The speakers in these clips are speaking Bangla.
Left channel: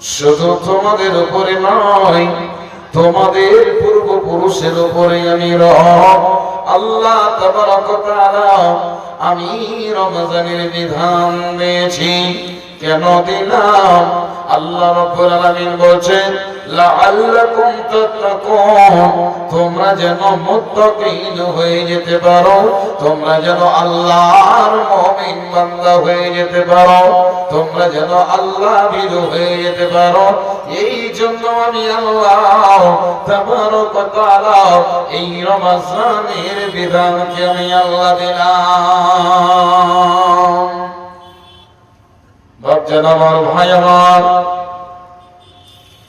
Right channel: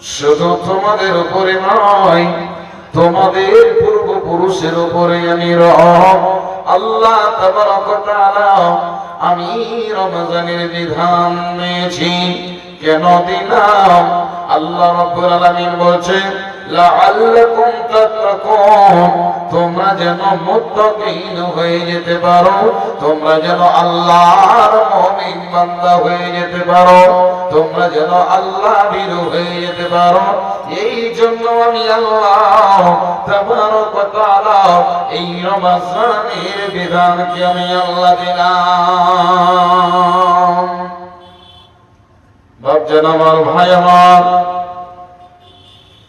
শুধু তোমাদের উপরে নয়, তোমাদের পূর্বপুরুষের উপরে আমি রব আল্লাহ তাবারক ওয়া তাআলা আমি রমজানের বিধান দিয়েছি। কেন দিলাম? আল্লাহ রাব্বুল আলামিন বলেন লাআল্লাকুম তাত্তাকুন, তোমরা যেন মুত্তাকিন হয়ে যেতে পারো, তোমরা যেন আল্লাহর মুমিন বান্দা হয়ে যেতে পারো, তোমরা যেন আল্লাহ ভীরু হয়ে যেতে পারো। এই জন্য আমি আল্লাহ তাবারক ওয়া তাআলা এই রমজানের বিধানকে আমি আল্লাহ দিলাম। ভাবছেন আমার ভাই আমার,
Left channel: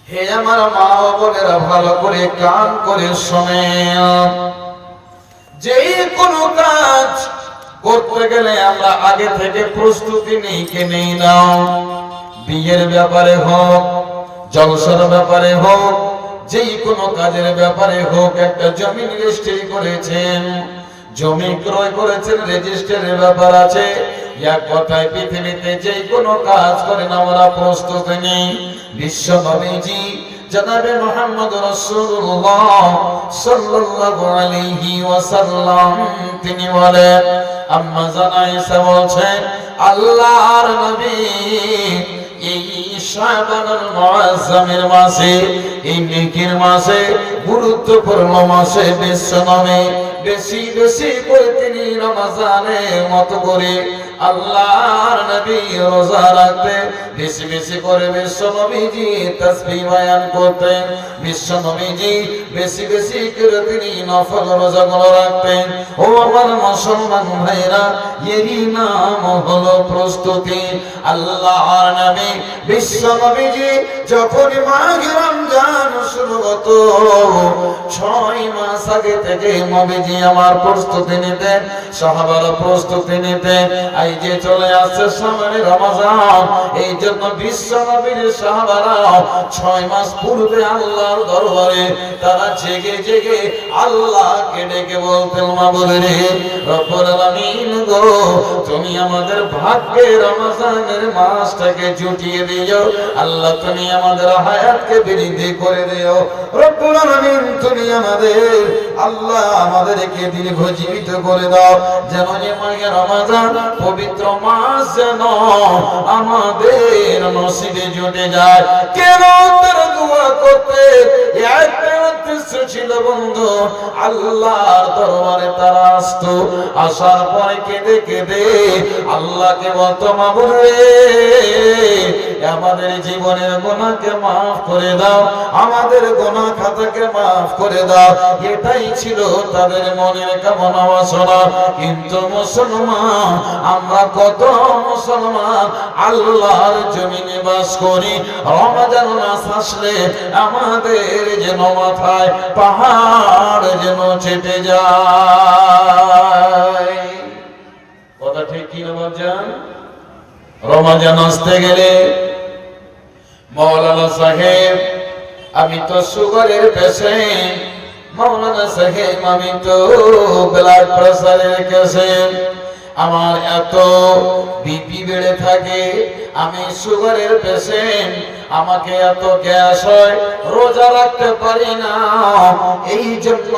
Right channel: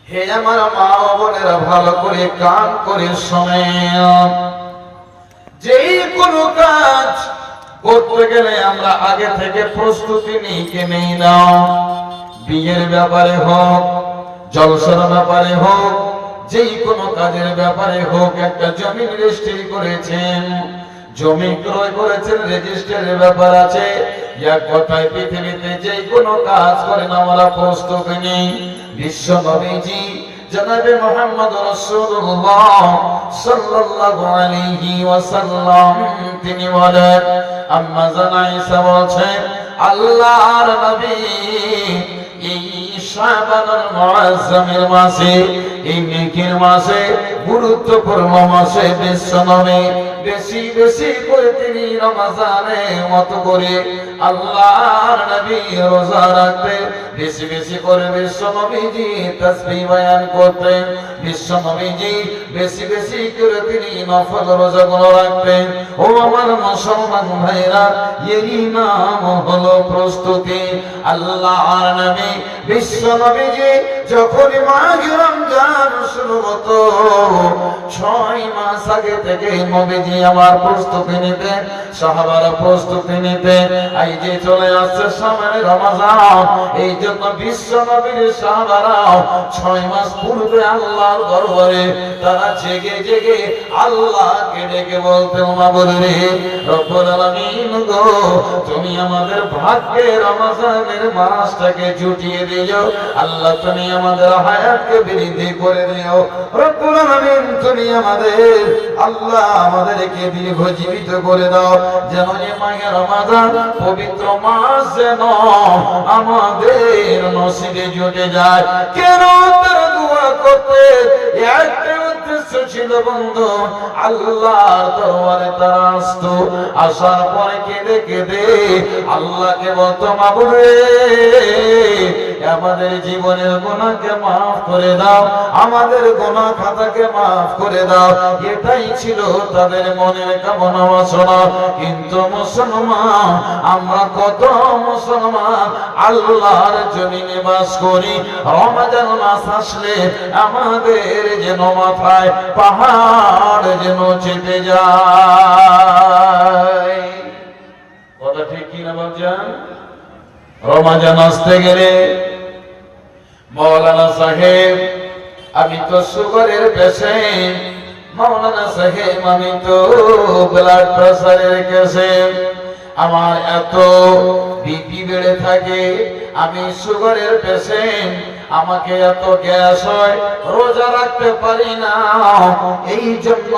হে আমার মা বোনেরা, ভালো করে কান করে শুনেন। যে কোনো কাজ করতে গেলে আমরা আগে থেকে প্রস্তুতি নেই না। বিয়ের ব্যাপারে হোক, জলসার ব্যাপারে হোক, যেই কোনো কাজের ব্যাপারে হোক, একটা জমি রেজিস্ট্রি করেছেন, জমি ক্রয় করেছেন, রেজিস্ট্রির ব্যাপার আছে। এক কথায় পৃথিবীতে যে কোনো কাজ করেন আমরা প্রস্তুতি নিই। বিশ্ব নবীজি জনাবে মুহাম্মদ রাসূলুল্লাহ সাল্লাল্লাহু আলাইহি ওয়াসাল্লাম তিনি বলেন, আম্মা জান আয়েশা বলেন, আল্লাহর নবী এই শাবানুল মুআজ্জামের মাসে, এই নেকির মাসে, গুরুত্বপূর্ণ মাসে বিশ্ব নবী বেশি বেশি করে তিনি রমজানের মতো করে আল্লাহর নবী রোজা রাখতেন। বেশি বেশি করে বিশ্ব নবীজি তাসবিহ বয়ান করতেন। বিশ্ব নবীজি বেশি বেশি করে তিনি নফল রোজাগুলো রাখতেন। ও আমার মুসলমান ভাইরা, এরই নাম হলো প্রস্তুতি। আল্লাহর নবী বিশ্ব নবীজি যখন মাঘে রমজান শুরু হতো, 6 মাস আগে থেকে নবীজি আমার প্রস্তুতি নিতেন, সাহাবারা প্রস্তুতি নিতেন। এই যে চলে আসছে সামনে রমজান, এই জন্য বিশ্ব নবীর সাহাবারা 6 মাস পূর্বে আল্লাহর দরবারে তারা জেগে জেগে আল্লাহকে ডেকে বলতেন, মাবুদ রে, রব্বুল আলামিন গো, তুমি আমাদের ভাগ্যে রমজানের মাসটাকে জুটিয়ে দিও। আল্লাহ তুমি আমাদের হায়াতকে বৃদ্ধি করে দিও। রব্বুল আলামিন তুমি আমাদের আল্লাহ আমাদেরকে দীর্ঘজীবিত করে দাও, যেন এই মাহে রমজান পবিত্র মাস যেন আমাদের নসিবে জুটে যায়। কেন তারা দোয়া করতে? একটা উদ্দেশ্য ছিল বন্ধু, আল্লাহর দরবারে তারা আসতো, আসার পরে কেঁদে কেঁদে আল্লাহকে বলতো, মাবুদ রে, আমাদের জীবনের গুনাহকে মাফ করে দাও, আমাদের গুনাহ খাতাকে মাফ করে দাও। এটাই ছিল তাদের মনের কামনা বাসনা। কিন্তু মুসলমান, আমরা কত মুসলমান আল্লাহর জমিনে বাস করি, রমজান মাস আসলে আমাদের যেন মাথায় পাহাড় যেন চেপে যায়। কথা ঠিক কিনা বাজান? রমজান আসতে গেলে মৌলানা সাহেব, আমি তো সুগারের পেশেন্ট, মৌলানা সাহেব আমি তো ব্লাড প্রেসারের পেশেন্ট, আমার এত বিপি বেড়ে থাকে, আমি সুগারের পেশেন্ট, আমাকে এত গ্যাস হয়, রোজা রাখতে পারি না। এই জন্য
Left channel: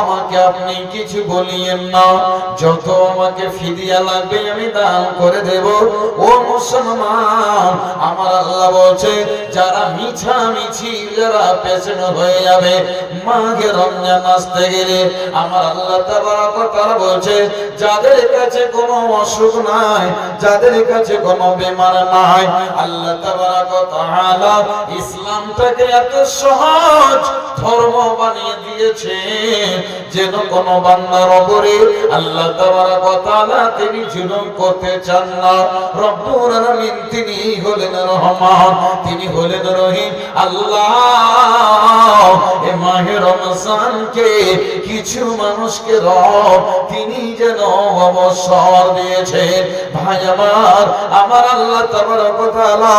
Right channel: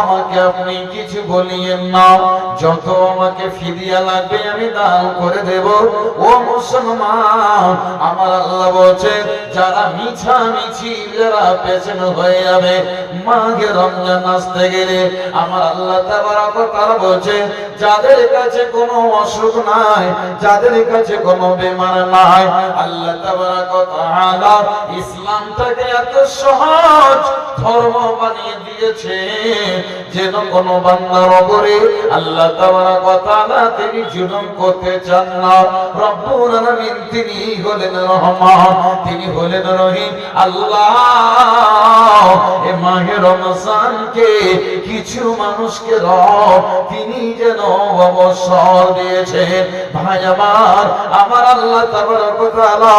আমাকে আপনি কিছু বলিয়েন না, যত আমাকে ফিদিয়া লাগবে আমি দান করে দেব। ও মুসলমান, আমার আল্লাহ বলছে, যারা মিছামিছি যারা পেশেন্ট হয়ে যাবে মাঘে রমজান আসতে গেলে, আমার আল্লাহ তাবারক ওয়া তাআলা বলছে, যাদের কাছে কোনো অসুখ নাই, যাদের কাছে কোনো বেমার নাই, আল্লাহ তাবারক ওয়া তাআলা ইসলামটাকে এত সহজ ধর্ম বানিয়ে দিয়েছে, যেন কোনো বান্দার উপরে আল্লাহ তাবারক ওয়া তাআলা তিনি জুলুম করতে চান না। রব্বুল আলামিন তিনি হলেন রহমান, তিনি হলেন রহিম। আল্লাহ এ মাহে রমজানকে কিছু মানুষকে রব তিনি যেন অবসর দিয়েছেন। ভাই আমার আল্লাহ তাবারক ওয়া তাআলা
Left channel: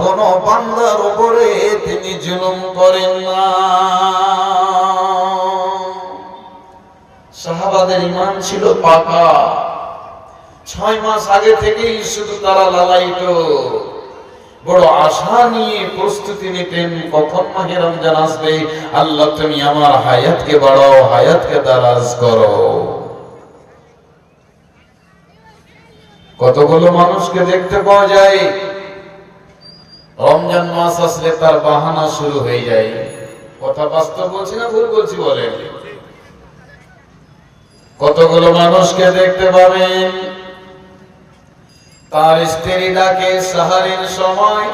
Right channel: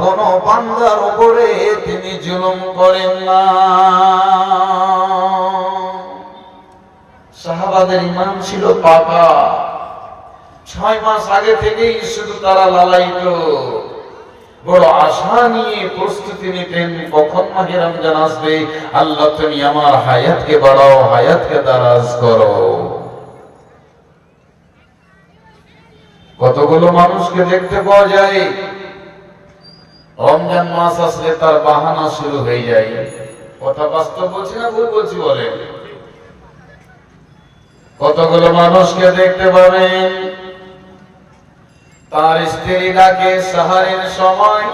কোন বান্দার উপরে তিনি জুলুম করেন না। সাহাবাদের ঈমান ছিল পাকা। 6 মাস আগে থেকেই শুধু তারা লালায়িত, বড় আশা নিয়ে প্রস্তুতি নিতেন কখন মাহে রমজান আসবে, আল্লাহ তুমি আমার হায়াতকে বাড়াও, হায়াতকে দারাজ করো। কতগুলো মানুষকে দেখতে পাওয়া যায় রমজান মাস আসলে তার বাহানা শুরু হয়ে যায়। কথা বাস্তব বলছি না ভুল বলছি বলেন? কতগুলো মানুষকে দেখতে পাবেন তার স্ত্রী ডাকে সাহারের সময়,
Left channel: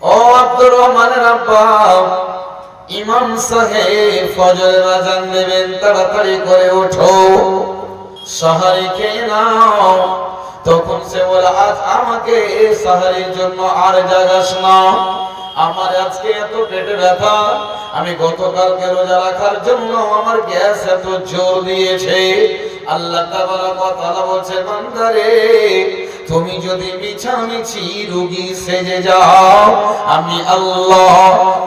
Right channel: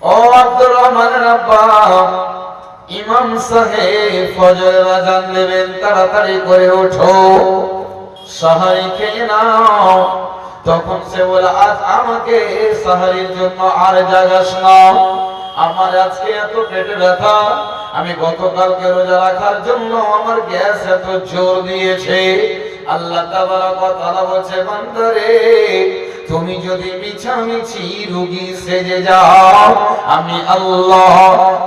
ও আব্দুর রহমানের আব্বা, ইমাম সাহেব ফজরের আযান দেবেন, তাড়াতাড়ি করে ওঠো, সাহারি খেয়ে নাও। তখন সে বলে, আজ আমাকে সাহারির জন্য আর জাগাস না, আমার আজকে এত পেটে ব্যথা, আমি গতকালকে রোজা রাখার জন্য আমার গ্যাস এত জোর দিয়েছে। আল্লাহ তাবারক ওয়া তাআলা বলছে, বান্দারে তুমি যদি মিছামিছি রোগী সেজে যাও, আমি আল্লাহ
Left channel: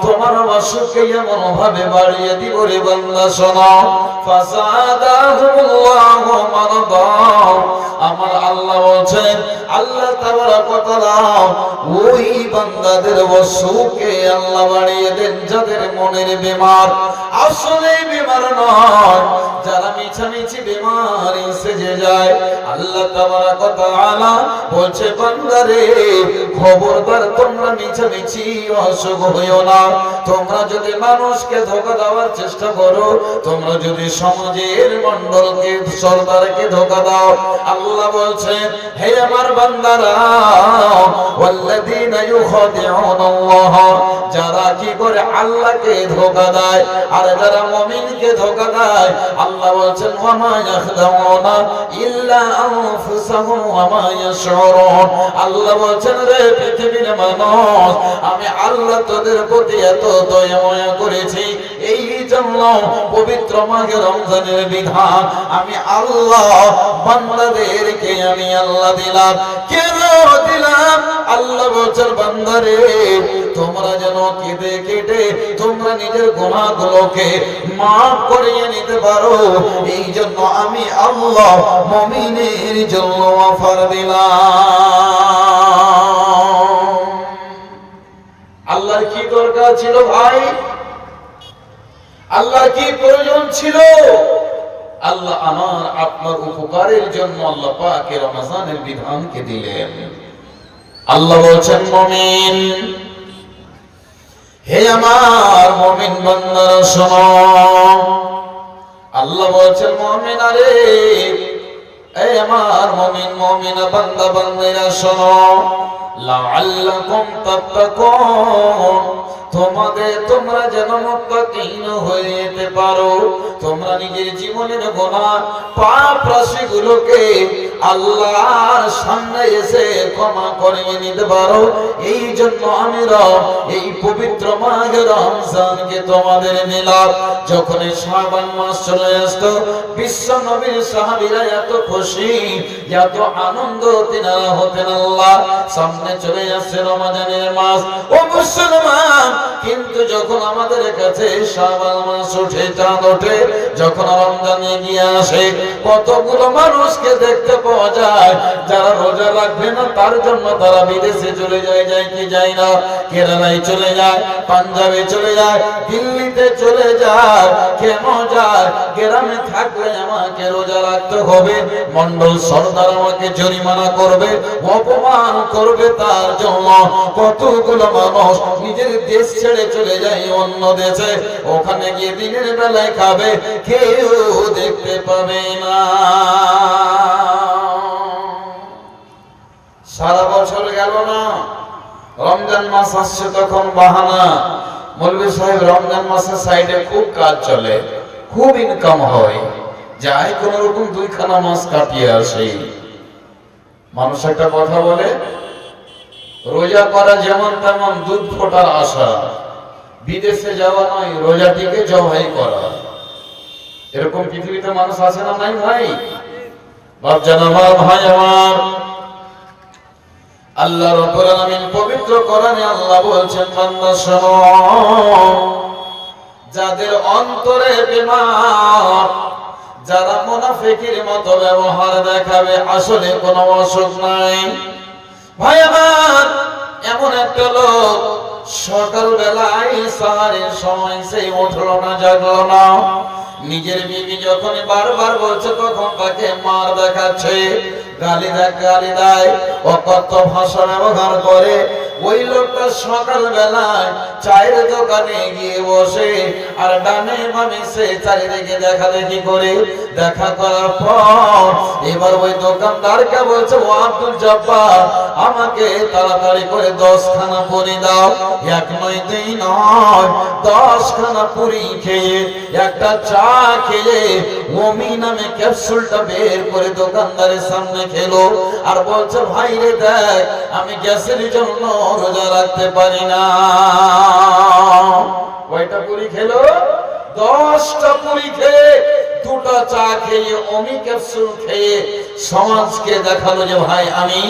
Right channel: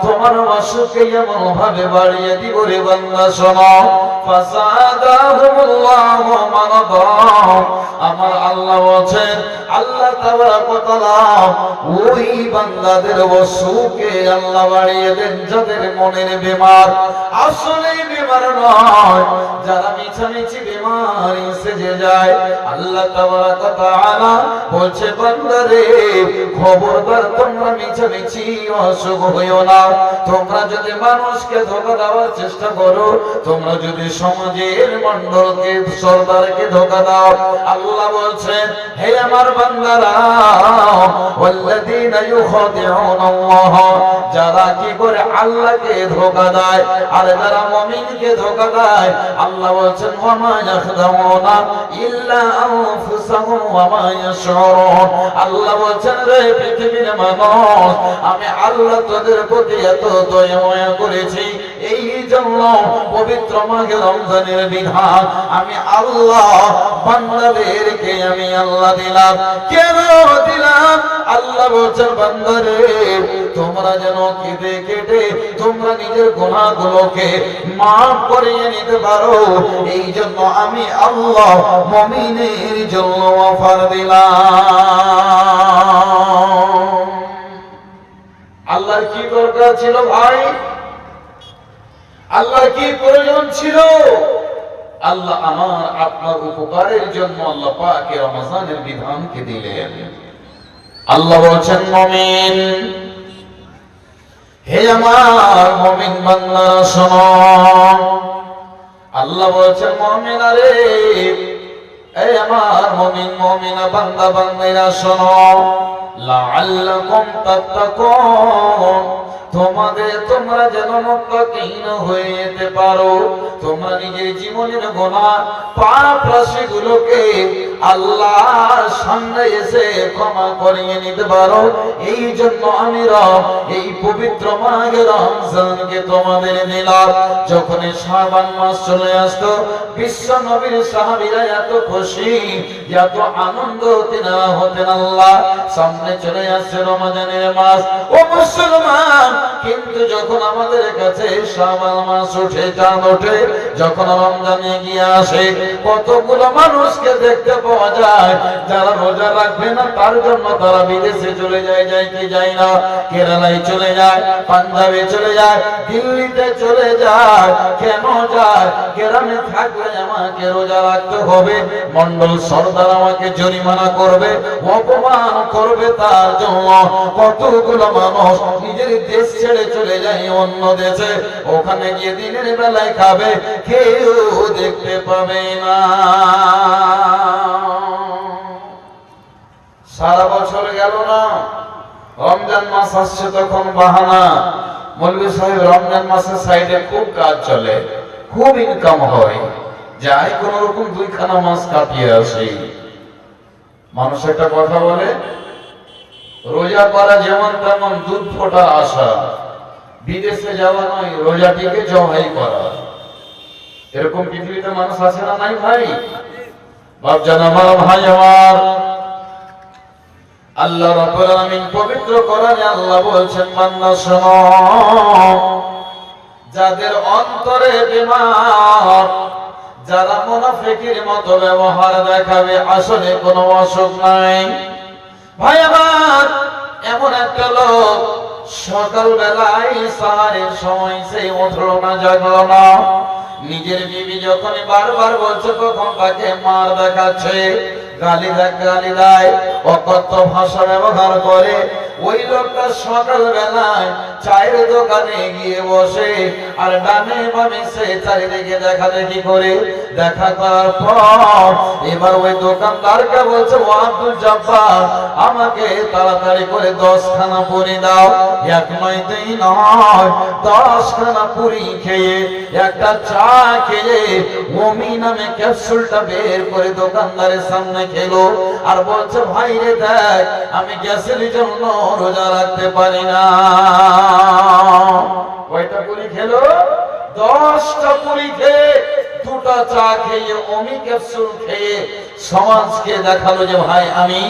তোমার অসুখকে এমন ভাবে বাড়িয়ে দিব রে বান্দা, শোনো, ফাসাদাহুমুল্লাহু মারাদা। আমার আল্লাহ বলেন, আল্লাহ তাবারক ওয়া তাআলা ওই বান্দাদের অসুখকে আল্লাহ বাড়িয়ে দেন যাদের মনের বেমার আসলে বেমার নয়, যারা মিছামিছি বেমারি সেজে যায়। আল্লাহ তাবারক ওয়া তাআলা বলছে, বান্দারে খবরদার তোমরা মিছামিছি অসুখ হইও না। তোমরা যদি মানুষকে ধোঁকা দেওয়ার চেষ্টা করো, তোমরা যদি সমাজের মণ্ডলকে সরদারকে ধোঁকা দাও, আল্লাহ বলছেন, হে আমার বান্দারা, ওয়াল্লাযীনা ইউখাদিউনাল্লাহ, যারা কি করে আল্লাহকে ধোঁকা দেয় আর যারা মুমিনকে ধোঁকা দেয়, আল্লাহ বলছেন, ওয়া মা ইয়াখদাউনা ইল্লা আনফুসাহুম ওয়া মা ইয়াশউরুন। আল্লাহ বলছেন, রে পৃথিবীর মানুষ, আমি আল্লাহ তোদের প্রতি এত দয়া মায়া করেছি, এই জন্য পবিত্র মাহে রমজানের বিধান আমি আল্লাহ বান্দাদেরকে আমি আল্লাহ দিলাম। কেন দিলাম? আল্লাহ বলছেন, বান্দারে তোমরা যেন কেঁদে কেটে তোমরা নিজের গুনাহগুলোকে মাফ করিয়ে নিতে পারো, এই জন্য আমি আল্লাহ মুমিনের জন্য অফার দিলাম। আল্লাহর কি দরকার ছিল ভাই? আল্লাহর কি প্রয়োজন ছিল? আল্লাহ আমার আপনার উপকারের জন্য আল্লাহ পাক রমজানের বিধানকে দিলেন। আল্লাহ বলছেন, মুমিন, হে আমার মুমিন বান্দারা শোনো। আল্লাহ বলছেন, মুমিন, আরে এই আমার মুমিন মুমিনা বান্দা বান্দিরা শোনো, লাআল্লাকুম তাত্তাকুন, তোমরা যেন মুত্তাকিন হয়ে যেতে পারো, তোমরা নিজের জীবনের গুনাহ পাপ রাশিগুলোকে আল্লাহর সামনে এসে ক্ষমা করিয়ে নিতে পারো, এই জন্য আমি রব এই পবিত্র মাহে রমজানকে তোমাদের দিলাম। যখন শাবান মাস চলে আসতো, বিশ্ব নবীর সাহাবীরা এত খুশি, এত আনন্দ তিনারা হতেন, আল্লাহ সামনে চলে আসছে রমজানের মাস, ও মুসলমান। কিন্তু যখন আমাদের কাছে শাবান মাস ওঠে, চাঁদ ওঠে, যখন রমজানে গিয়ে আসে, কতগুলো মানুষকে দেখতে পাওয়া যায় যারা রোজা রাখবে না, তার জন্য তারা বিদেশে চলে যায়, কি যায় না, কেরালায় চলে যায়, পাঞ্জাবে চলে যায়, দিল্লিতে চলে যায়। কেন যায়? গ্রামে থাকলে আমাকে রোজা রাখতে হবে, মন্ডল সরদার আমাকে জরিমানা করবে, অপমান করবে, তার জন্য কতগুলো মানুষ নিজের দেশ ছেড়ে চলে যায় অন্য দেশে, ওখানে গিয়ে দিনের বেলায় খাবে, কেউ দেখতে পাবে না। সারা বছর গেল না, রমজান মাস আসছে, তখন বাহানা, মৌলভী সাহেব রমজান মাসের সাইডে খুব কাজ চলে, খুব ইনকাম হয়, যাই কোন রকম দুইখানা মাস কাটিয়ে আসে। মানুষ একটা কথা বলে, রোজা করা যেমন তেমন দুধ ফোটার আশা, বিদেশে যাওয়া নয়, রোজাটিকে জবাই করা। এরকম পৃথিবীতে মানুষ আছে না নাই ভাই? বাপজান আমার, ভাই আমার, আল্লাহ রাব্বুল আলামিন পবিত্র কোরআনে আল্লাহ বলছেন, বান্দা শোনো, যাদের অন্তরে বেমার, যারা মুনাফিকের মতো ব্যবহার দেখাবে, আসলে কোনো অসুখ নাই। ভাই আমার, এমন একটা লোক সকালবেলায় সাহারের সময় সে উঠলো না, জাগলো না। নিজের বিবি যখন বারবার বলছে তখন তাকে মার দেখাচ্ছে, গালি দেয়, অকথ্য ভাষা ব্যবহার করে। ওই লোকটা সকালবেলায় চায়ের দোকানে গিয়ে বসে আর ডানে বামে সে চারিদিকে দেখাদেখি করে। দেখা করার পর এবার ওই দোকানদারকে বলছে, ও আব্দুল জব্বার, আমাকে তাড়াতাড়ি করে 10 খানা পুরি দাও। এক নয় দুই নয়, 10 খানা পুরি খেয়ে একটা চা খেয়ে ওমি নামে ক্যাপসুলটা বের করে দোকানদারের সামনে খেলো আর বলছে, ভাই রে দেখ, আমি গ্যাসের জন্য রোজা রাখতে পারি না। কয়টা পুরি খেলো? 10টা পুরি খেয়ে, 2টা চা খেয়ে, ওমি ক্যাপসুল খেয়ে সমাজকে দেখালো যে ভাই আমি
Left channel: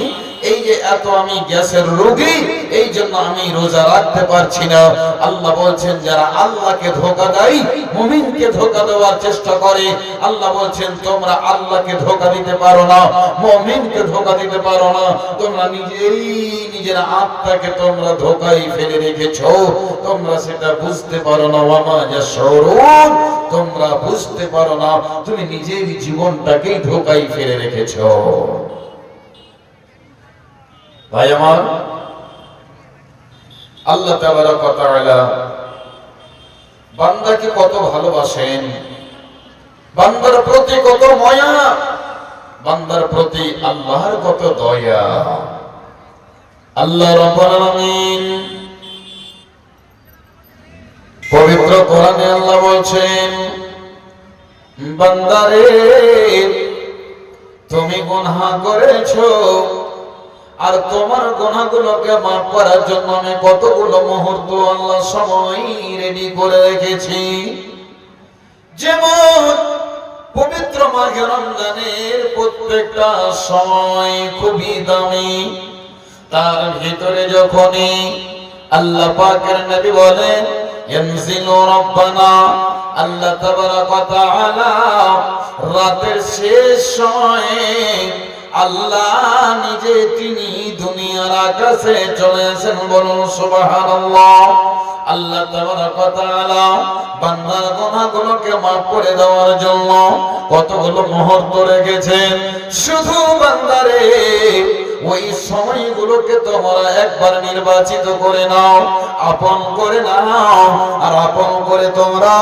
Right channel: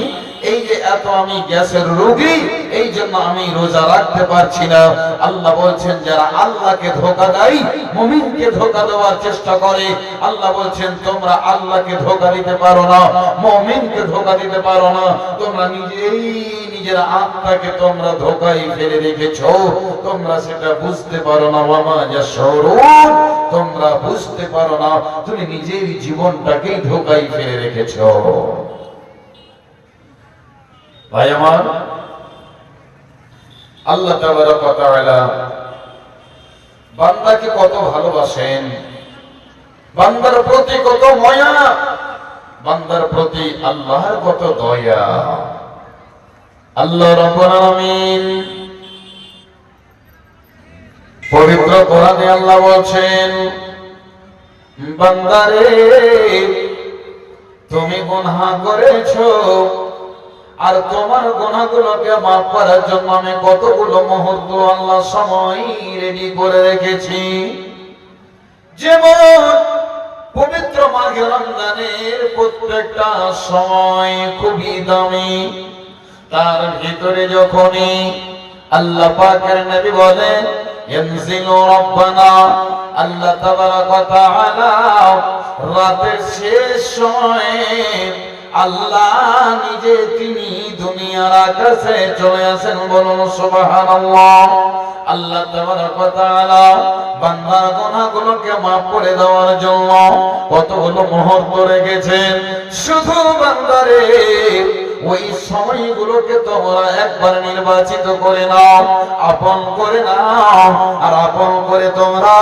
এই যে এত আমি গ্যাসের রোগী, এই জন্য আমি রোজা রাখতে পারছি না। আল্লাহ বলছেন যারা আল্লাহকে ধোঁকা দেয়, মুমিনকে ধোঁকা দেওয়ার চেষ্টা করে, আল্লাহ বলছেন তোমরা আল্লাহকে ধোঁকা দিতে পারো না, মুমিনকে ধোঁকা দিতে পারো না। তোমরা নিজেই নিজের আত্মাকে তোমরা ধোঁকায় ফেলে রেখেছো, তোমরা সেটা বুঝতে পারো না। ওয়ামা ইয়াশউরুন, তোমরা বুঝতে পারো না, তুমি নিজের জীবনটাকেই ধোঁকায় ফেলে রেখেছো। ভাই আমার, আল্লাহ তাবারক ওয়া তাআলা বান্দাকে কত ভালোবাসেন, বান্দার প্রতি কত মায়া, বান্দার প্রতি আল্লাহর কত দয়া। আল্লাহ রাব্বুল আলামিন পবিত্র কোরআনে আল্লাহ বলছেন, বান্দারে তুমি গুনাহ করেছো আর তোমার গুনাহগুলোকে মাফ করার জন্য আমি কতগুলো মুহূর্ত আল্লাহ সময় রেডি করে রেখেছি। যেমন পবিত্র মাহে রমজানের প্রত্যেকটা সময় খুবই দামি, তার ভিতরে যখনই আল্লাহ পাকের নবী বলেন ইয়ানজিলু রাব্বানা, আল্লাহ তাবারক ওয়া তাআলা রাতের শেষ সময়ে আল্লাহ নিজে তিনি দুনিয়ার আকাশে চলে আসেন। বলুন সুবহানাল্লাহ। আল্লাহ তাবারক ওয়া তাআলা বান্দার গুনাহগুলোকে মাফ করে দেওয়ার জন্য কতগুলো মুহূর্ত রেখেছেন। শুধু বান্দারে ওই সময়গুলোকে তোমরা একবার নির্বাচিত করে নাও, আপন করে নাও, আর আপন করে তোমরা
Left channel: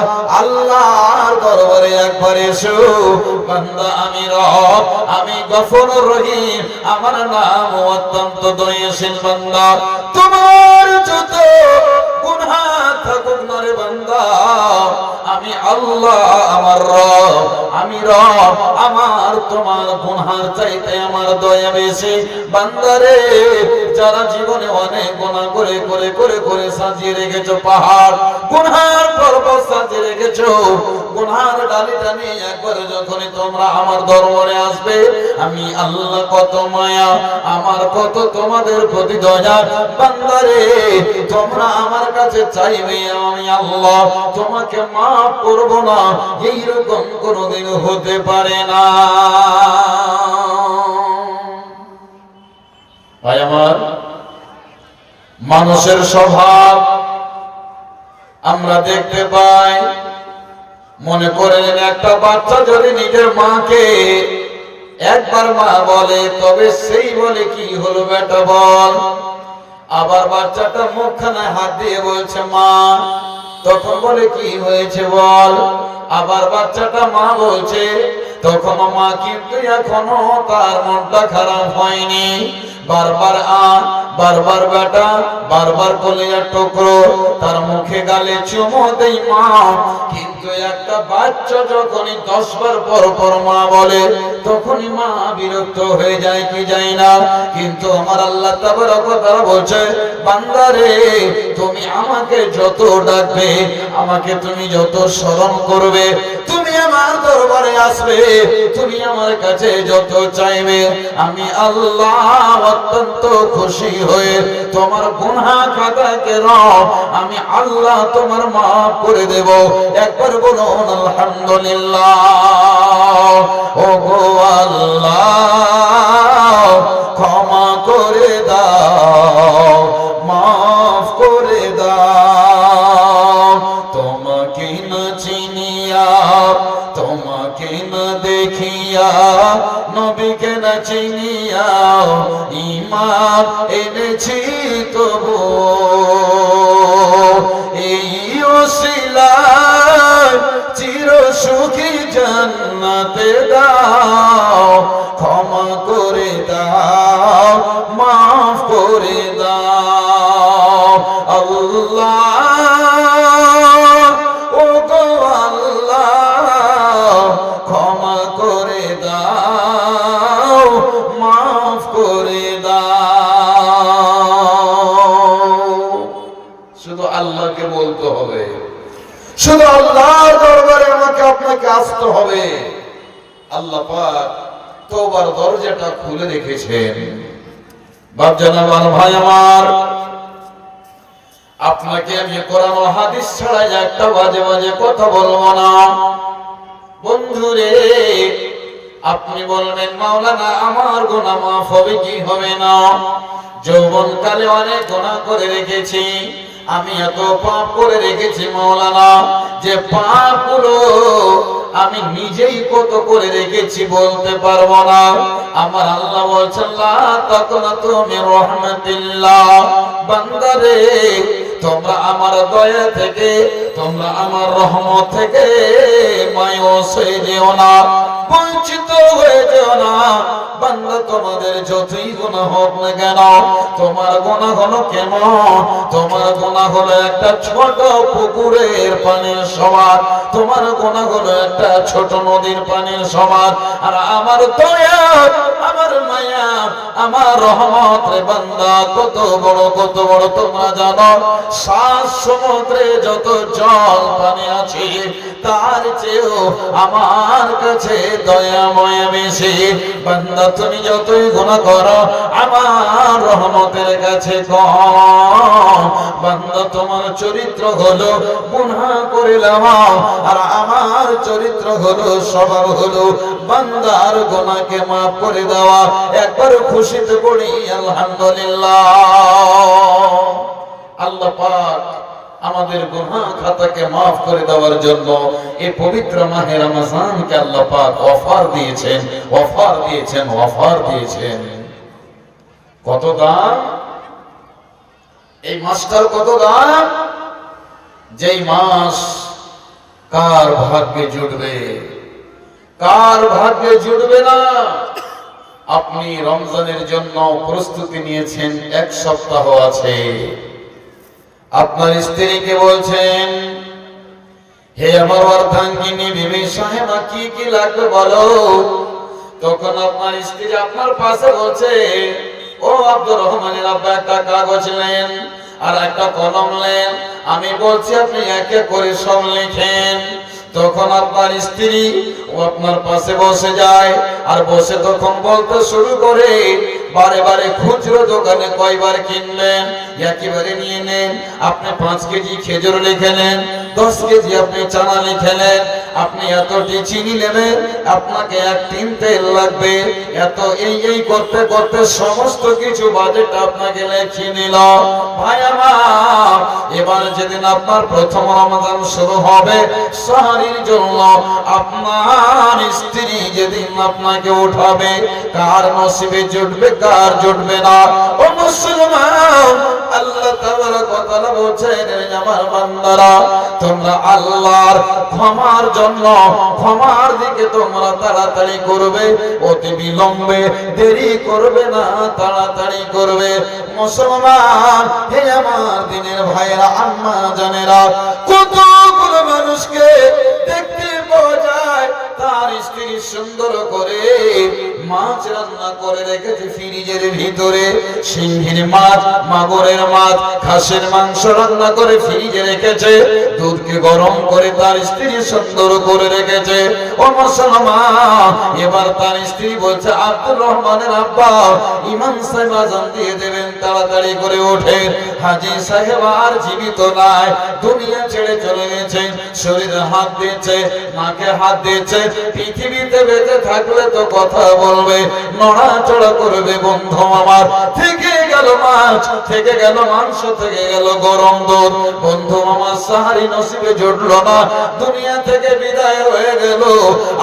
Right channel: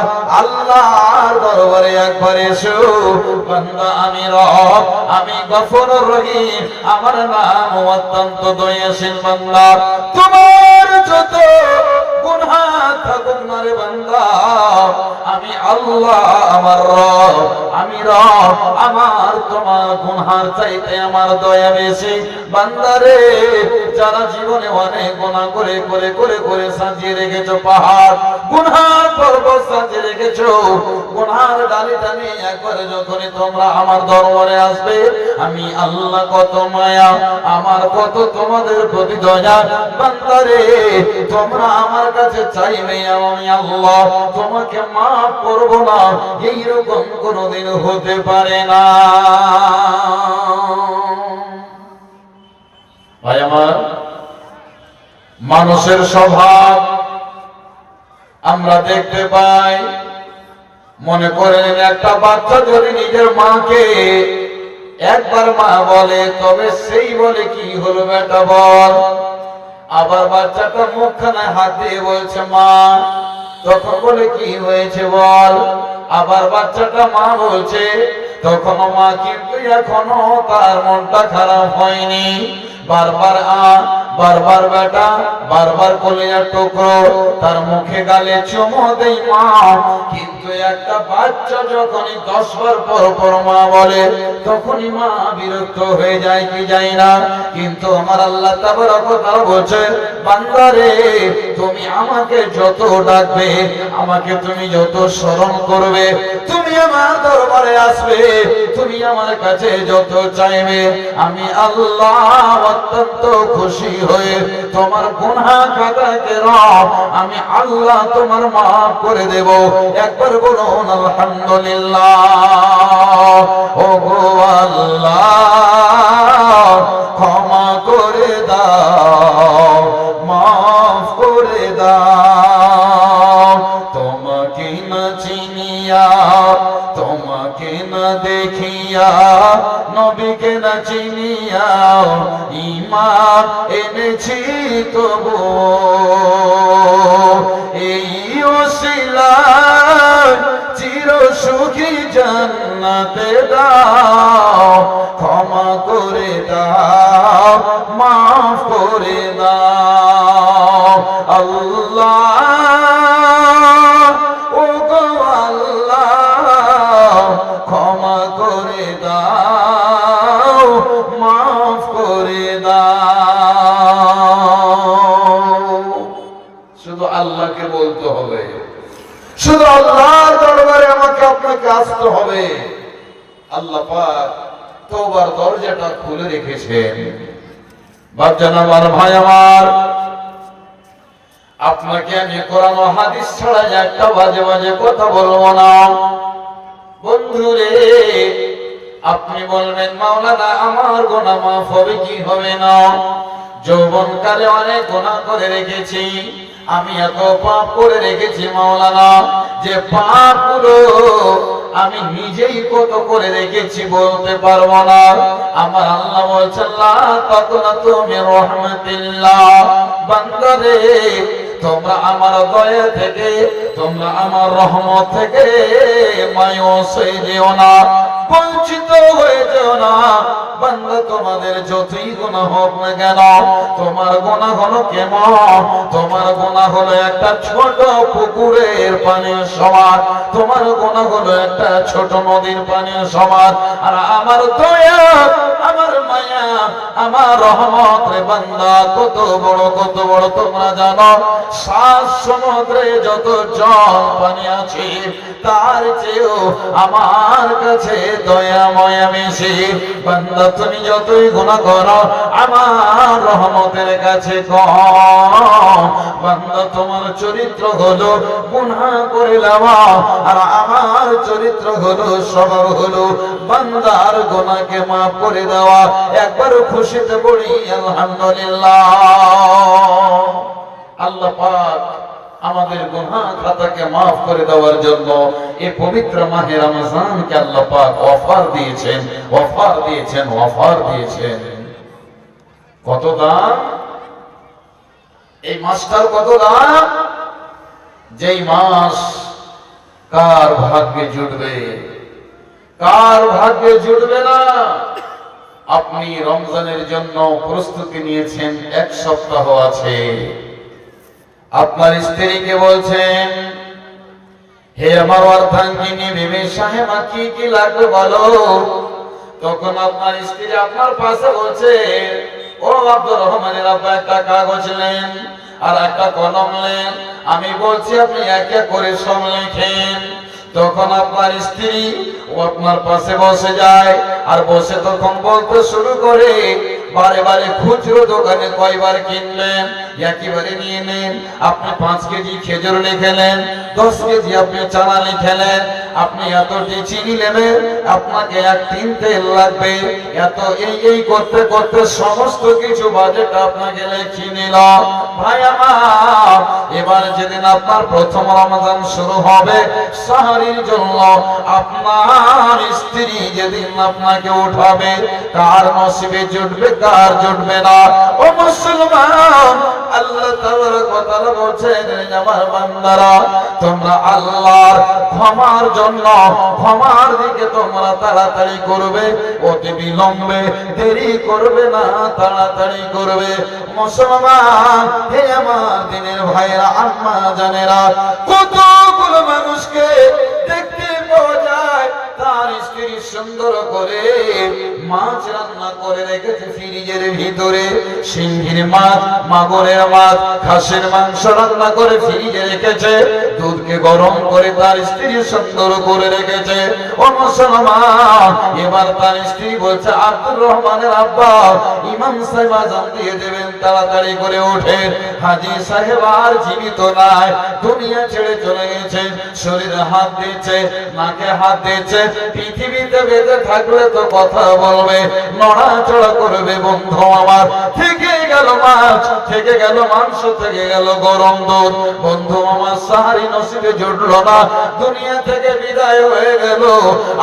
আল্লাহর দরবারে একবার এসো। বান্দা আমি রব, আমি গফুরুর রহিম, আমার নাম অত্যন্ত দয়াশীল। বান্দা তোমার যত গুনাহ থাকুক না রে বান্দা, আমি আল্লাহ আমার রব, আমি রব, আমার তোমার গুনার চাইতে আমার দয়া বেশি। বান্দারে যারা জীবনে অনেক গুনাহ করে করে করে করে সাজিয়ে রেখেছো পাহাড়, গুনার পর্বত সাজিয়ে রেখেছো, গুনার ডালিটা নিয়ে একবার যখনই তোমরা আমার দরবারে আসবে, আমি আল্লাহ কত মায়া, আমার কত তোমাদের প্রতি দয়া। বান্দারে তোমরা আমার কাছে চাইবে, আমি আল্লাহ তোমাকে মাফ করব না, এইরকম কোনদিন হতে পারে না। ভাই আমার, মানুষের স্বভাব আমরা দেখতে পাই। মনে করেন একটা বাচ্চা যদি নিজের মাকে একবার মা বলে, তবে সেই বলে কি হলো বেটা বল। আবার বাচ্চাটা মুখখানে হাত দিয়ে বলছে মা, তখন বলে কি হয়েছে বল। আবার বাচ্চাটা মা বলছে, তখন মা কিন্তু এখনো তার মনটা খারাপ হয়নি। বারবার বারবার বেটা, বারবার কলিজার টুকরো, তার মুখে গালে চুমো দেই মা। কিন্তু একটা বাচ্চা যখনই 10 বার পর পর মা বলে, তখনই মা বিরক্ত হয়ে যায় কি যায় না। কিন্তু আমার আল্লাহ তাবারক ওয়া তাআলা বলছে, বান্দারে তুমি আমাকে যত ডাকবে, আমাকে তুমি যত স্মরণ করবে, তুমি আমার দরবারে আসবে, তুমি আমার কাছে যত চাইবে, আমি আল্লাহ অত্যন্ত খুশি হয়ে তোমার গুনাহ খাতাকে রব আমি আল্লাহ তোমার মাফ করে দেব। একবার বলুন আলহামদুলিল্লাহ। ও গো আল্লাহ ক্ষমা করে দাও, দাও। তোমাকে না চিনিয়া, তোমাকে না দেখিয়া, নবীকে না চিনিয়া ঈমান এনেছি তবু, এই ওসিলায় চির সুখী জান্নাতে দাও। ক্ষমা করে দাও, মাফ করে দাও আল্লাহ, ও গো আল্লাহ, ক্ষমা করে দাও, মাফ করে দাও। শুধু আল্লাহকে বলতে হবে, শুধু আল্লাহর দরবারে আমাকে আপনাকে আসতে হবে। আল্লাহ পাক তওবার দরজাটা খুলে রেখেছেন। বাপজান আমার, ভাই আমার, আপনাকে আমি কোরআন ও হাদিস ছাড়া একটা বাজে বাজে কথা বলবো না। বন্ধুরে, আপনি বলবেন মাওলানা আমার গুনাহ মাফ হবে কি হবে না? যৌবনকালে অনেক গুনাহ করে রেখেছি, আমি এত পাপ করে রেখেছি মাওলানা, যে পাপগুলো আমি নিজেই কত করে রেখেছি বলতে পারবো না। আমার আল্লাহ বলছেন লা তাকনাতু মির রাহমাতিল্লাহ, বান্দারে তোমরা আমার দয়া থেকে, তোমরা আমার রহমত থেকে মায়ুস হয়ে যেও না, বঞ্চিত হয়ে যেও না। বান্দা, তোমাদের যতই গুনাহ হোক না কেন, তোমার গুনাহ হলো কেমন? তোমার গুনাহ হলো একটা ছোট পুকুরের পানির সমান, তোমার গুনাহ হলো একটা ছোট নদীর পানির সমান। আর আমার দয়া, আমার মায়া, আমার রহমত রে বান্দা কত বড়, কত বড় তোমরা জানো? 7 সমুদ্রে যত জল পানি আছে তার চেয়েও আমার কাছে দয়া মায়া বেশি। বান্দা, তুমি যতই গুনাহ করো আমার রহমতের কাছে কম। বান্দা, তোমার চরিত্র হলো গুনাহ করিলাম, আর আমার চরিত্র হলো, স্বভাব হলো বান্দার গুনাহকে মাফ করে দেওয়া। একবার খুশিতে পড়ি আলহামদুলিল্লাহ। আল্লাহ পাক আমাদের গুনাহ খাতাকে মাফ করে দেওয়ার জন্য এই পবিত্র মাহে রমজানকে আল্লাহ পাক অফার দিয়েছেন, অফার দিয়েছেন, অফার দিয়েছেন। কত দাম এই মাসটার, কত দাম! যেই মাস কার ভাগ্যে জুটবে, কার ভাগ্যে জুটবে না। আপনি রমজানের জন্য প্রস্তুতি নিয়েছেন, 1 সপ্তাহ আছে। আপনার স্ত্রীকে বলছেন, হে আমার অর্ধাঙ্গিনী বিবি সাহেবা, কি কি লাগবে বলো। তখন আপনার স্ত্রী আপনার পাশে বলছে, ও আব্দুর রহমানের আব্বা, একটা কাগজ নেন আর একটা কলম নেন, আমি বলছি আপনি এক এক করে সব লিখেন। তখন আপনার স্ত্রী ও আপনার পাশে বসে যায়, আর বসে তখন বলতে শুরু করে, বারে বারে খুচরো দোকানে কয়বার কিনলেন, একেবারে নিয়ে নেন। আপনি 5 কেজি খেজুর লিখে নেন, 10 কেজি আপনি চানা লিখে নেন, আপনি এতটি চিনি নেবেন, আপনাকে 1 টিন তেল লাগবে, এত এই করতে করতে সমস্ত কিছু বাজেট আপনাকে লিখে নিল। ভাই আমার, এবার যেদিন আপনার প্রথম রমজান শুরু হবে সাহারির জন্য, আপনার স্ত্রী যেদিন আপনাকে উঠাবে, কার নসিবে জুটবে কার জুটবে না। ও মুসলমান, আল্লাহ তাবারক ওয়া তাআলা বলেন, আমার বান্দারা, তোমরা আল্লাহর ক্ষমার জন্য, ক্ষমার দিকে তোমরা তাড়াতাড়ি করবে, অতি বিলম্বে দেরি করবে না, তাড়াতাড়ি করবে। মুসলমান, হে আমার দিনের ভাইয়েরা, আম্মা জানেরা, কতগুলো মানুষকে দেখতে পাওয়া যায় তার স্ত্রী সুন্দর করে মাছ রান্না করে রেখেছে ফ্রিজের ভিতরে, সিংহির মাছ, মাগুরের মাছ, খাসির মাংস রান্না করে ফ্রিজে রেখেছে, দুধকে গরম করে তার স্ত্রী সুন্দর করে রেখেছে। ও মুসলমান, এবার তার স্ত্রী বলছে, আব্দুর রহমানের আব্বা, ইমাম সাহেব আযান দিয়ে দেবেন, তাড়াতাড়ি করে ওঠেন। হাজী সাহেব আর জীবিত নাই, দুনিয়া ছেড়ে চলে গেছে। শরীরে হাত দিয়েছে, নাকে হাত দিয়েছে, পৃথিবীতে বেঁচে থাকলে তো কথা বলবে, নড়াচড়া করবে। বন্ধু আমার, থেকে গেল মাছ, থেকে গেল মাংস, থেকে গেল গরম দুধ। বন্ধু আমার সাহারি নসিবে জুটলো না, দুনিয়া থেকে বিদায় হয়ে গেল।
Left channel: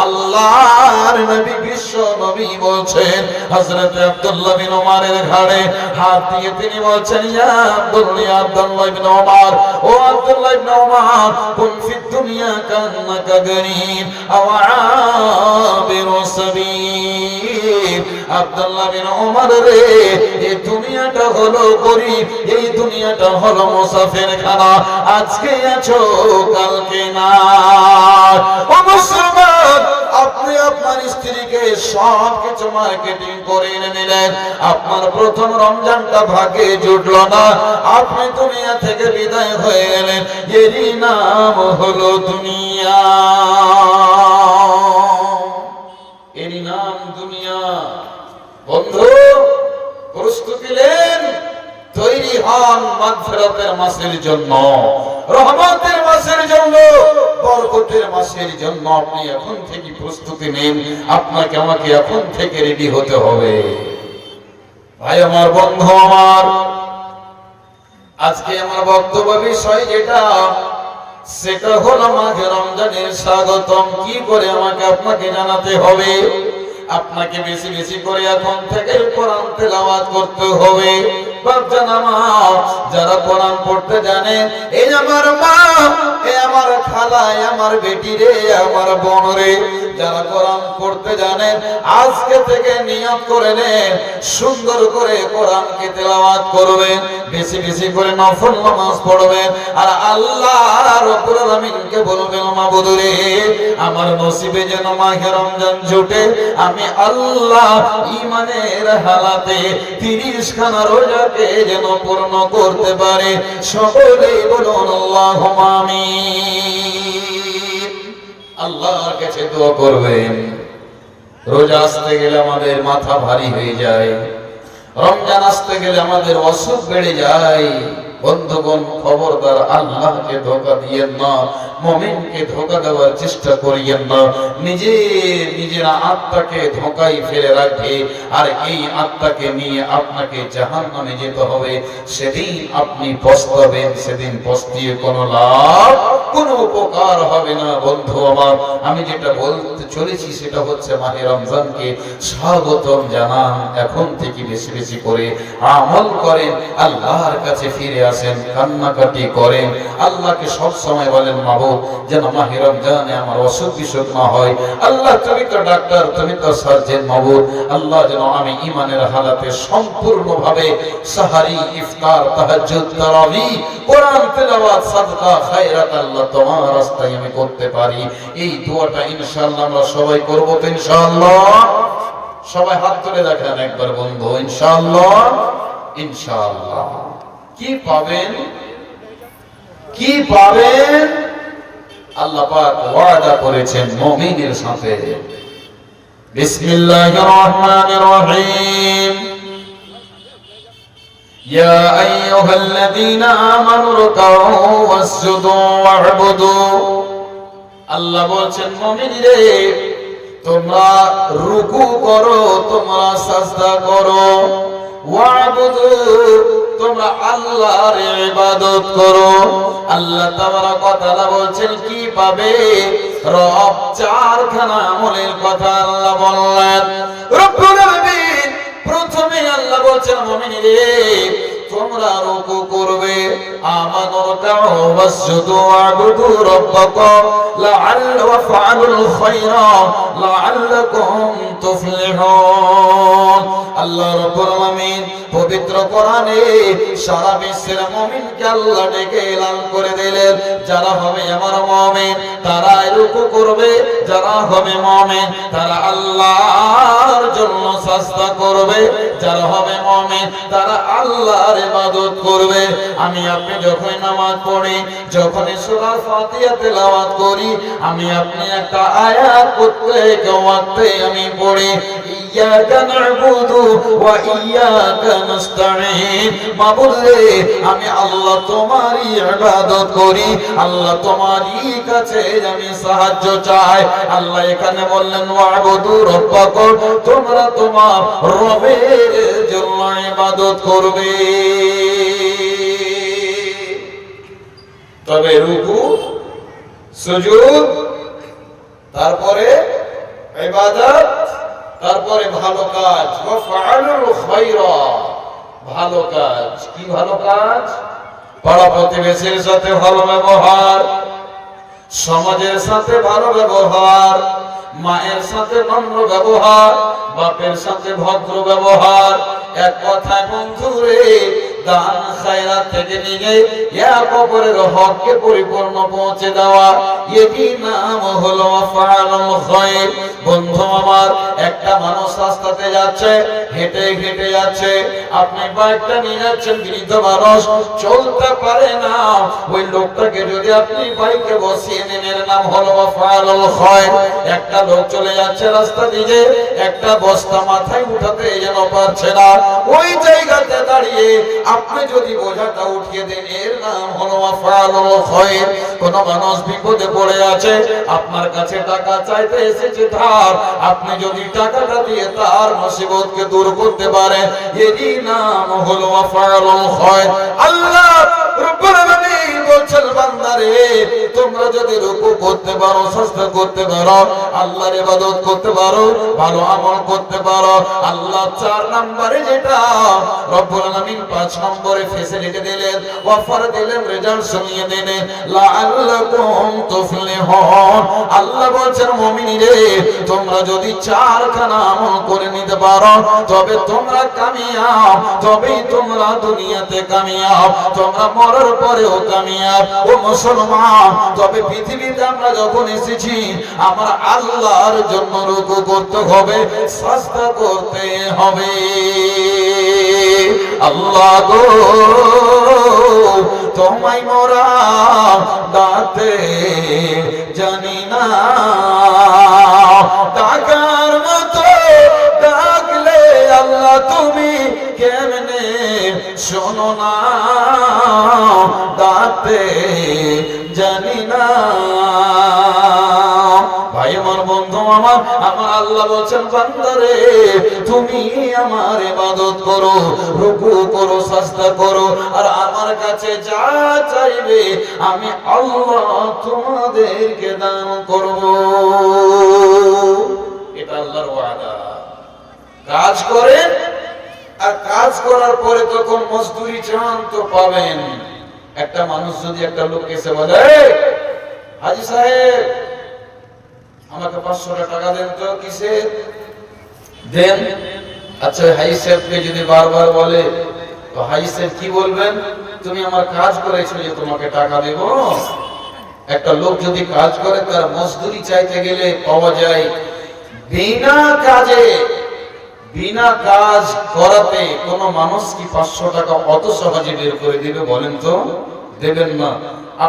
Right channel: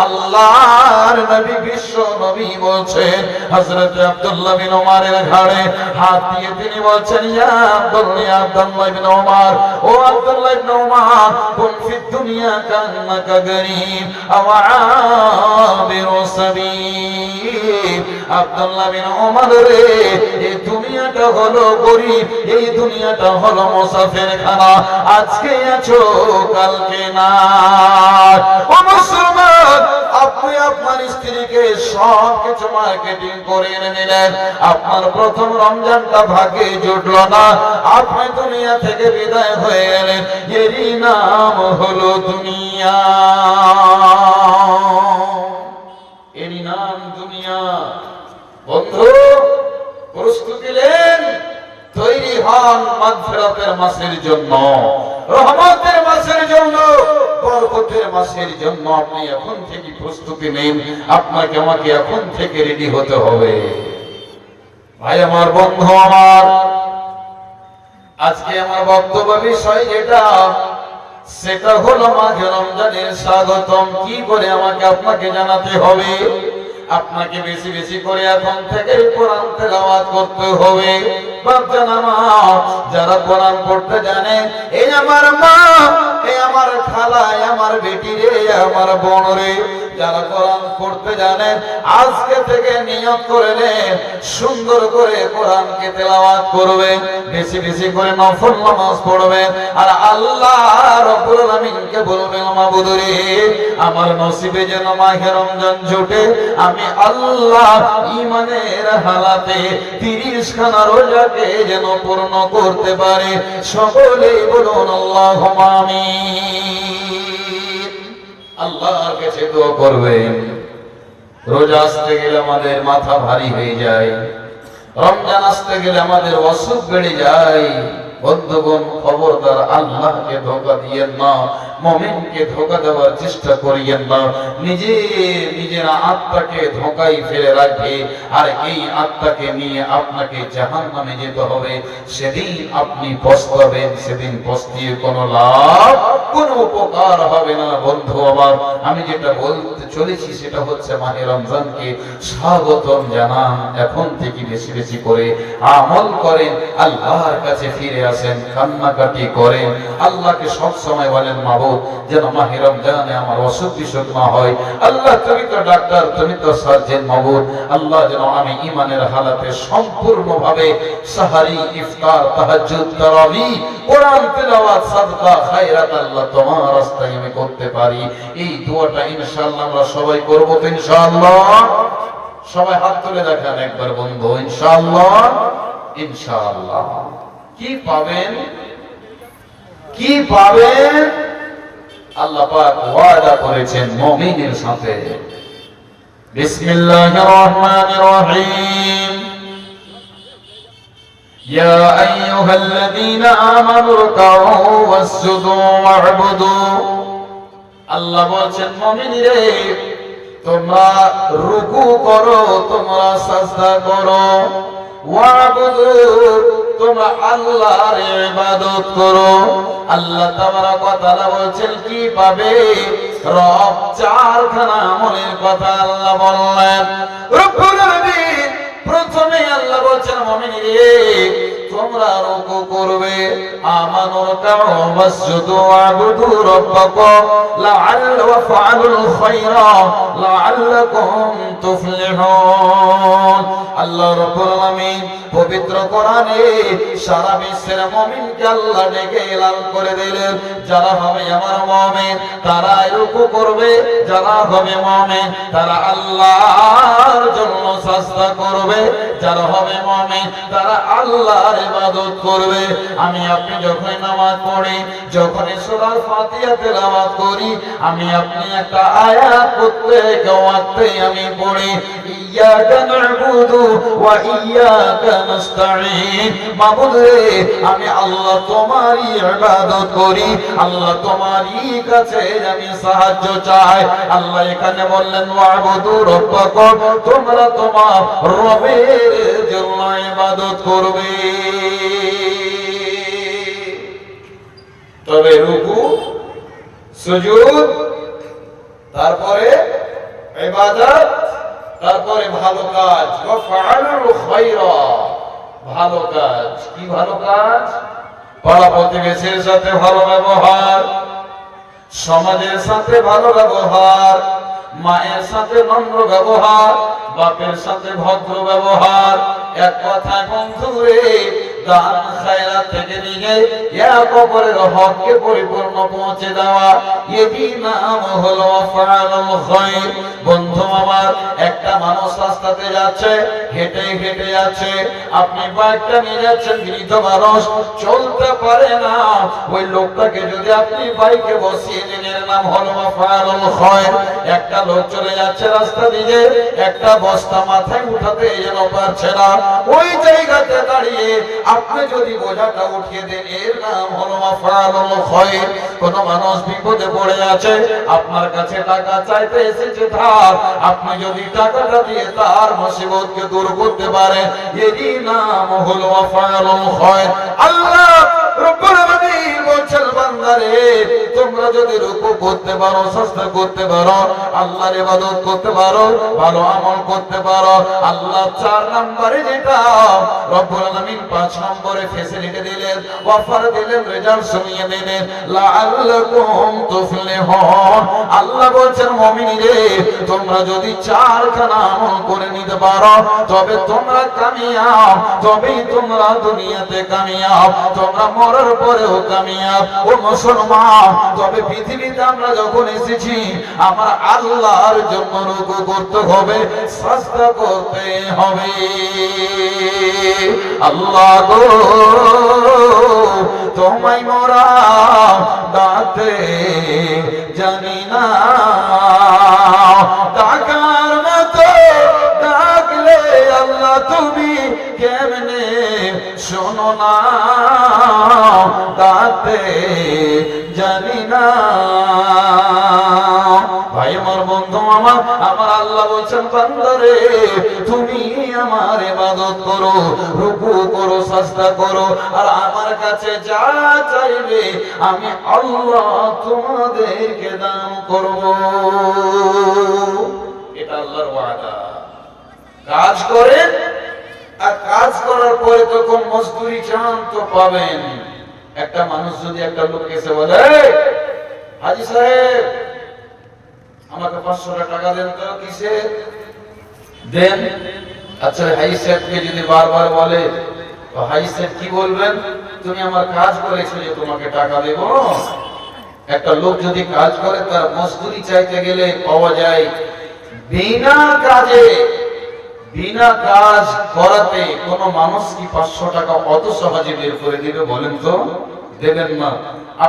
আল্লাহর নবী বিশ্ব নবী বলছেন, হযরত আব্দুল্লাহ বিন ওমরের ঘাড়ে হাত দিয়ে তিনি বলছেন, ইয়া আব্দুল্লাহ বিন ওমর, ও আব্দুল্লাহ বিন ওমর, কুন ফি দুনিয়া কান্নাকা গরীব আও আবিরু সাবিল। আব্দুল্লাহ বিন ওমর রে, এই দুনিয়াটা হলো গরীব, এই দুনিয়াটা হলো মুসাফিরখানা। আজকে আছো কালকে না। ও মুসলমান, আপনি আপনার স্ত্রীকে সব কিছু মার্কেটিং করে এনে নিলেন, আপনার প্রথম রমজানটা ভাগে জুটলো না, আপনি দুনিয়া থেকে বিদায় হয়ে গেলেন। এরই নাম হলো দুনিয়া, এরই নাম দুনিয়া। বন্ধু, প্রস্তুতি নেন, তৈরি হন মাগফিরাতের মাসের জন্য, রহমতের মাসের জন্য, বরকতের মাসের জন্য। আপনি এখন থেকে প্রস্তুতি নিন, আপনাকে আমাকে এখন থেকে রেডি হতে হবে। ভাই আমার, বন্ধু আমার, আজকে আমার বক্তব্য বিষয় যেটা, সেটা হলো মাঘে রমজানের স্বাগতম কি করে আমাকে আপনাকে জানাতে হবে। আপনাকে বেশি বেশি করে এখন থেকে কোরআন তেলাওয়াত করতে হবে। বাপজান আমার, যারা কোরআন পড়তে জানেন, এই আমার মা, এই আমার খালা, আমার বেটি রে, আমার বোন রে, যারা কোরআন পড়তে জানেন, আজকে থেকে নিয়ত করে নেন, সুন্দর করে কোরআনকে তেলাওয়াত করবেন, বেশি বেশি করে নফল নামাজ পড়বেন, আর আল্লাহ রাব্বুল আলামিনকে বলবেন, মাবুদ রে, আমার নসিবে যেন মাহে রমজান জুটে, আমি আল্লাহ ঈমানের হালাতে 30 খানা রোজাকে যেন পূর্ণ করতে পারে। সকলেই বলুন আল্লাহুম্মা আমিন। আল্লাহর কাছে দোয়া করবেন। রোজা আসতে গেলে আমাদের মাথা ভারী হয়ে যায়, রমজান আসতে গেলে আমাদের অসুখ বেড়ে যায়। বন্ধুগণ, খবরদার আল্লাহকে ধোঁকা দিয়েন না, মুমিনকে ধোঁকা দেওয়ার চেষ্টা করিয়েন না। নিজের আত্মাকে ধোঁকায় ফেলে রাখে, আর এই আত্মাকে নিয়ে আপনাকে জাহান্নামে যেতে হবে। সেদিন আপনি পস্তাবেন, সেদিন পস্তিয়ে কোনো লাভ, কোনো উপকার হবে না। বন্ধু আমার, আমি যেটা বলতে চলেছি সেটা হচ্ছে মাহে রমজানকে স্বাগতম জানান। এখন থেকে বেশি বেশি করে আমল করেন, আল্লাহর কাছে ফিরে আসেন, কান্নাকাটি করেন, আল্লাহকে সব সময় বলেন, মাবুদ যেন মাহে রমজানে আমার অসুখ বিসুখ না হয়। আল্লাহ, তুমি তো ডাক্তার, তুমি তো সার্জন, মাবুদ আল্লাহ যেন আমি ঈমানের হালাতে সম্পূর্ণভাবে সাহারি, ইফতার, তাহাজ্জুদ, তারাবি, কোরআন তেলাওয়াত, সাদকা, খায়রাত আল্লাহ তোমার রাস্তায় আমি করতে পারি। এই দোয়াটা ইনশাআল্লাহ আমরা সবাই করব তো ইনশাআল্লাহ। সবাই হাত তুলে দেখেন একবার বন্ধু, ইনশাআল্লাহ। ইনশাআল্লাহ কি পাবেন, কি পাবেন? আল্লাহ পাক ওয়াদা করেছেন মুমিনের সাথে। বিসমিল্লাহির রহমানির রহিম। ইয়া আইয়ুহাল্লাযীনা আমানু রুকউ ওয়াসজুদু ওয়া'বুদু। আল্লাহ বলেন, মুমিনরে, তোমরা রুকু করো, তোমরা সাজদা করো, ওয়া'বুদু, তোমরা আল্লাহর ইবাদত করো। আল্লাহ তাবারক ওয়া তাআলা বলেন কি পাবে? রব চারখানা আমলের কথা আল্লাহ বললেন। রব্বুল আলামিন প্রথমে আল্লাহ বলেন, মুমিনরে, তোমরা রুকু করবে, আমানু রাকউ ওয়াসজুদু ওয়া'বুদু রাব্বাকুম লাআল্লাকুম ফাআলুল খায়রা লাআল্লাকুম তুফলিহুন। আল্লাহ রাব্বুল আলামিন পবিত্র কোরআনে সারা বিশ্বের মুমিনকে আল্লাহ ডেকে এলান করে দিলেন, যারা হবে আমার মুমিন তারা রুকু করবে, যারা হবে মুমিন তারা আল্লাহর জন্য সাজদা করবে, যারা হবে মুমিন তারা আল্লাহর ইবাদত করবে। আমি আপনি যখন নামাজ পড়ি, যখন সূরা ফাতিহা তেলাওয়াত করি, আমি আপনি একটা আয়াত প্রত্যেক ওয়াক্তে আমি পড়ি, ইয়াকা না'বুদু ওয়া ইয়াকা নাস্তাঈন। মাবুদ রে, আমি আল্লাহ তোমারই ইবাদত করি, আল্লাহ তোমারই কাছে আমি সাহায্য চাই। আল্লাহ এখানে বললেন ওয়া'বুদু রাব্বাকুম, তোমরা তোমার রবের জন্য ইবাদত করবে। তবে রুকু, সুজুদ, তারপরে ইবাদত, তারপরে ভালো কাজ। ওয়াফআলুল খায়রা, ভালো কাজ। কি ভালো কাজ? পাড়া প্রতিবেশীর সাথে ভালো ব্যবহার, সমাজের সাথে ভালো ব্যবহার, মায়ের সাথে নম্র ব্যবহার, বাপের সাথে ভদ্র ব্যবহার। এক কথায় বন্ধু রে, দান খায়রাত থেকে নিয়ে এক অপরের হককে পরিপূর্ণ পৌঁছে দেওয়া, এই নাম হলো আফআলুল খায়র। বন্ধু আমার, একটা মানুষ রাস্তাতে যাচ্ছে, হেঁটে হেঁটে যাচ্ছে, আপনি বাইকটা নিয়ে যাচ্ছেন, বৃদ্ধ মানুষ চলতে পারে না, ওই লোকটাকে যদি আপনি বাইকে বসিয়ে দেন, এর নাম হলো আফআলুল খায়র। একটা লোক চলে যাচ্ছে রাস্তা দিয়ে, একটা বস্তা মাথায় উঠাতে যেন পারছে না, ওই জায়গাতে দাঁড়িয়ে আপনি যদি বোঝাটা উঠিয়ে দেন, এর নাম হলো আফআলুল খায়র। কোন মানুষ বিপদে পড়ে আছে, আপনার কাছে টাকা চাইতে এসেছে ধার, আপনি যদি টাকাটা দিয়ে তার মুসিবতকে দূর করতে পারেন, এই নাম হলো আফআলুল খায়র। আল্লাহ রব্বুল আলামিন বলছেন, বান্দারে তোমরা যদি রুকু করতে পারো, সাজদা করতে পারো, আল্লাহর ইবাদত করতে পারো, ভালো আমল করতে পারো, আল্লাহ 4 নম্বরে যেটা রব্বুল আলামিন 5 নম্বরে ফেসিলিটি দিলেন, অফার দিলেন, রেজাল্ট শুনিয়ে দিলেন, লাআল্লাকুম তুফলিহুন। আল্লাহ বলছেন, মুমিনরে তোমরা যদি 4 খানা আমল করে নিতে পারো, তবে তোমরা কামিয়াব, তবেই তোমরা দুনিয়াতে কামিয়াব, তোমরা মরার পরেও কামিয়াব। ও মুসলমান, তবে পৃথিবীতে আমরা যখন এসেছি, আমরা আল্লাহর জন্য রুকু করতে হবে, সাজদা করতে হবে। আল্লাহ গো, তোমায় মোরা ডাকতে জানি না, ডাকার মতো ডাকলে আল্লাহ তুমি কেমনে শোনো না, ডাকতে জানি না। ভাই আমার, বন্ধু আমার, আমার আল্লাহ বলছেন, বান্দারে তুমি আমার ইবাদত করো, রুকু করো, সাজদা করো, আর আমার কাছে যা চাইবে আমি আল্লাহ তোমাদেরকে দান করব। এটা আল্লাহর ওয়াদা। কাজ করেন, আর কাজ করার পরে তখন মজদুরি চান তো পাবেন। একটা মানুষ যদি একটা লোক এসে বলে, হাজী সাহেব আমাকে 500 টাকা দেন তো। কিসে দেন? আচ্ছা, হাই সাহেবকে যদি বারবার বলে, তো হাই সাহেব কি বলবেন? তুমি আমার কাজ করেছো যে তোমাকে টাকা দেব। একটা লোক যদি কাজ করে, তার মজদুরি চাইতে গেলে পাওয়া যায় বিনা কাজে, বিনা কাজ করাতে কোন মানুষ কি 500 টাকা অত সহজে বের করে দিবে? বলেন তো, দেবেন না।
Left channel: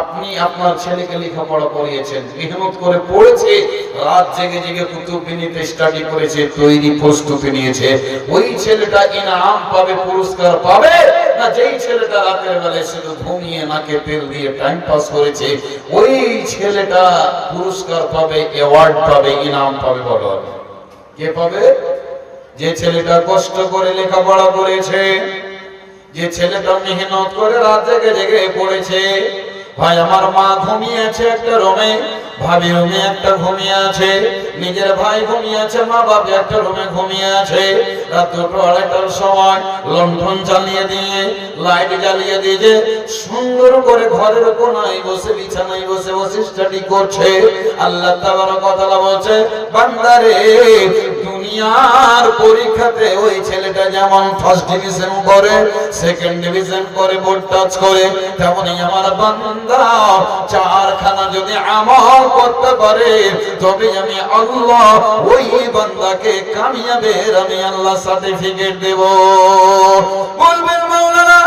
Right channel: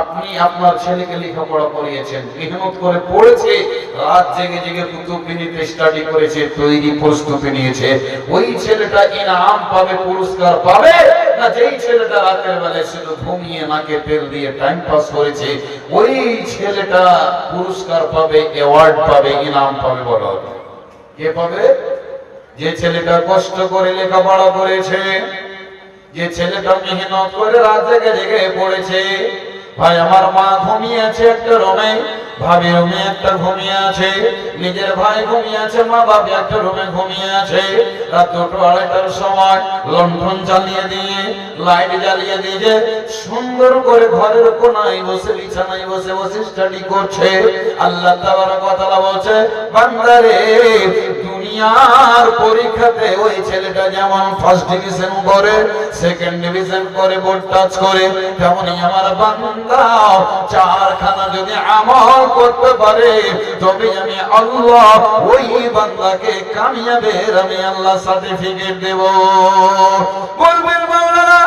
আপনি আপনার ছেলেকে লেখাপড়া করিয়েছেন, মেহনত করে পড়েছে, রাত জেগে জেগে কুতুববিনীতে স্টাডি করেছে, তৈরি প্রস্তুতি নিয়েছে, ওই ছেলেটা ইনাম পাবে, পুরস্কার পাবে না যেই ছেলেটা রাতের বেলায় শুধু ঘুমিয়ে নাকে তেল দিয়ে টাইম পাস করেছে, ওই ছেলেটা পুরস্কার পাবে, অ্যাওয়ার্ড পাবে, ইনাম পাবে? বলো, কে পাবে? যে ছেলেটা কষ্ট করে লেখাপড়া করেছে, যে ছেলেটা মেহনত করে রাত জেগে জেগে পড়েছে। ভাই আমার, মা ঘুমিয়ে আছে একটা রুমে, ভাবি রুমে একটা ঘুমিয়ে আছে, নিজের ভাই ঘুমিয়ে আছে, মা বাবা একটা রুমে ঘুমিয়ে আছে। রাত 2-2:30টার সময় লণ্ঠন জ্বালিয়ে দিয়ে, লাইট জ্বালিয়ে দিয়ে সুন্দর করে ঘরের কোনায় বসে, বিছানায় বসে বসে স্টাডি করছে। আল্লাহ তাবারক ওয়া তাআলা বলছে, বান্দারে দুনিয়ার পরীক্ষাতে ওই ছেলেটা যেমন ফার্স্ট ডিভিশন করে, সেকেন্ড ডিভিশন করে, বোর্ড টাচ করে, তেমনি আমার বান্দা 4 খানা যদি আমল করতে পারে, তবে আমি আল্লাহ ওই বান্দাকে কামিয়াবের আমি আল্লাহ সার্টিফিকেট দেব। বলবেন মাওলানা,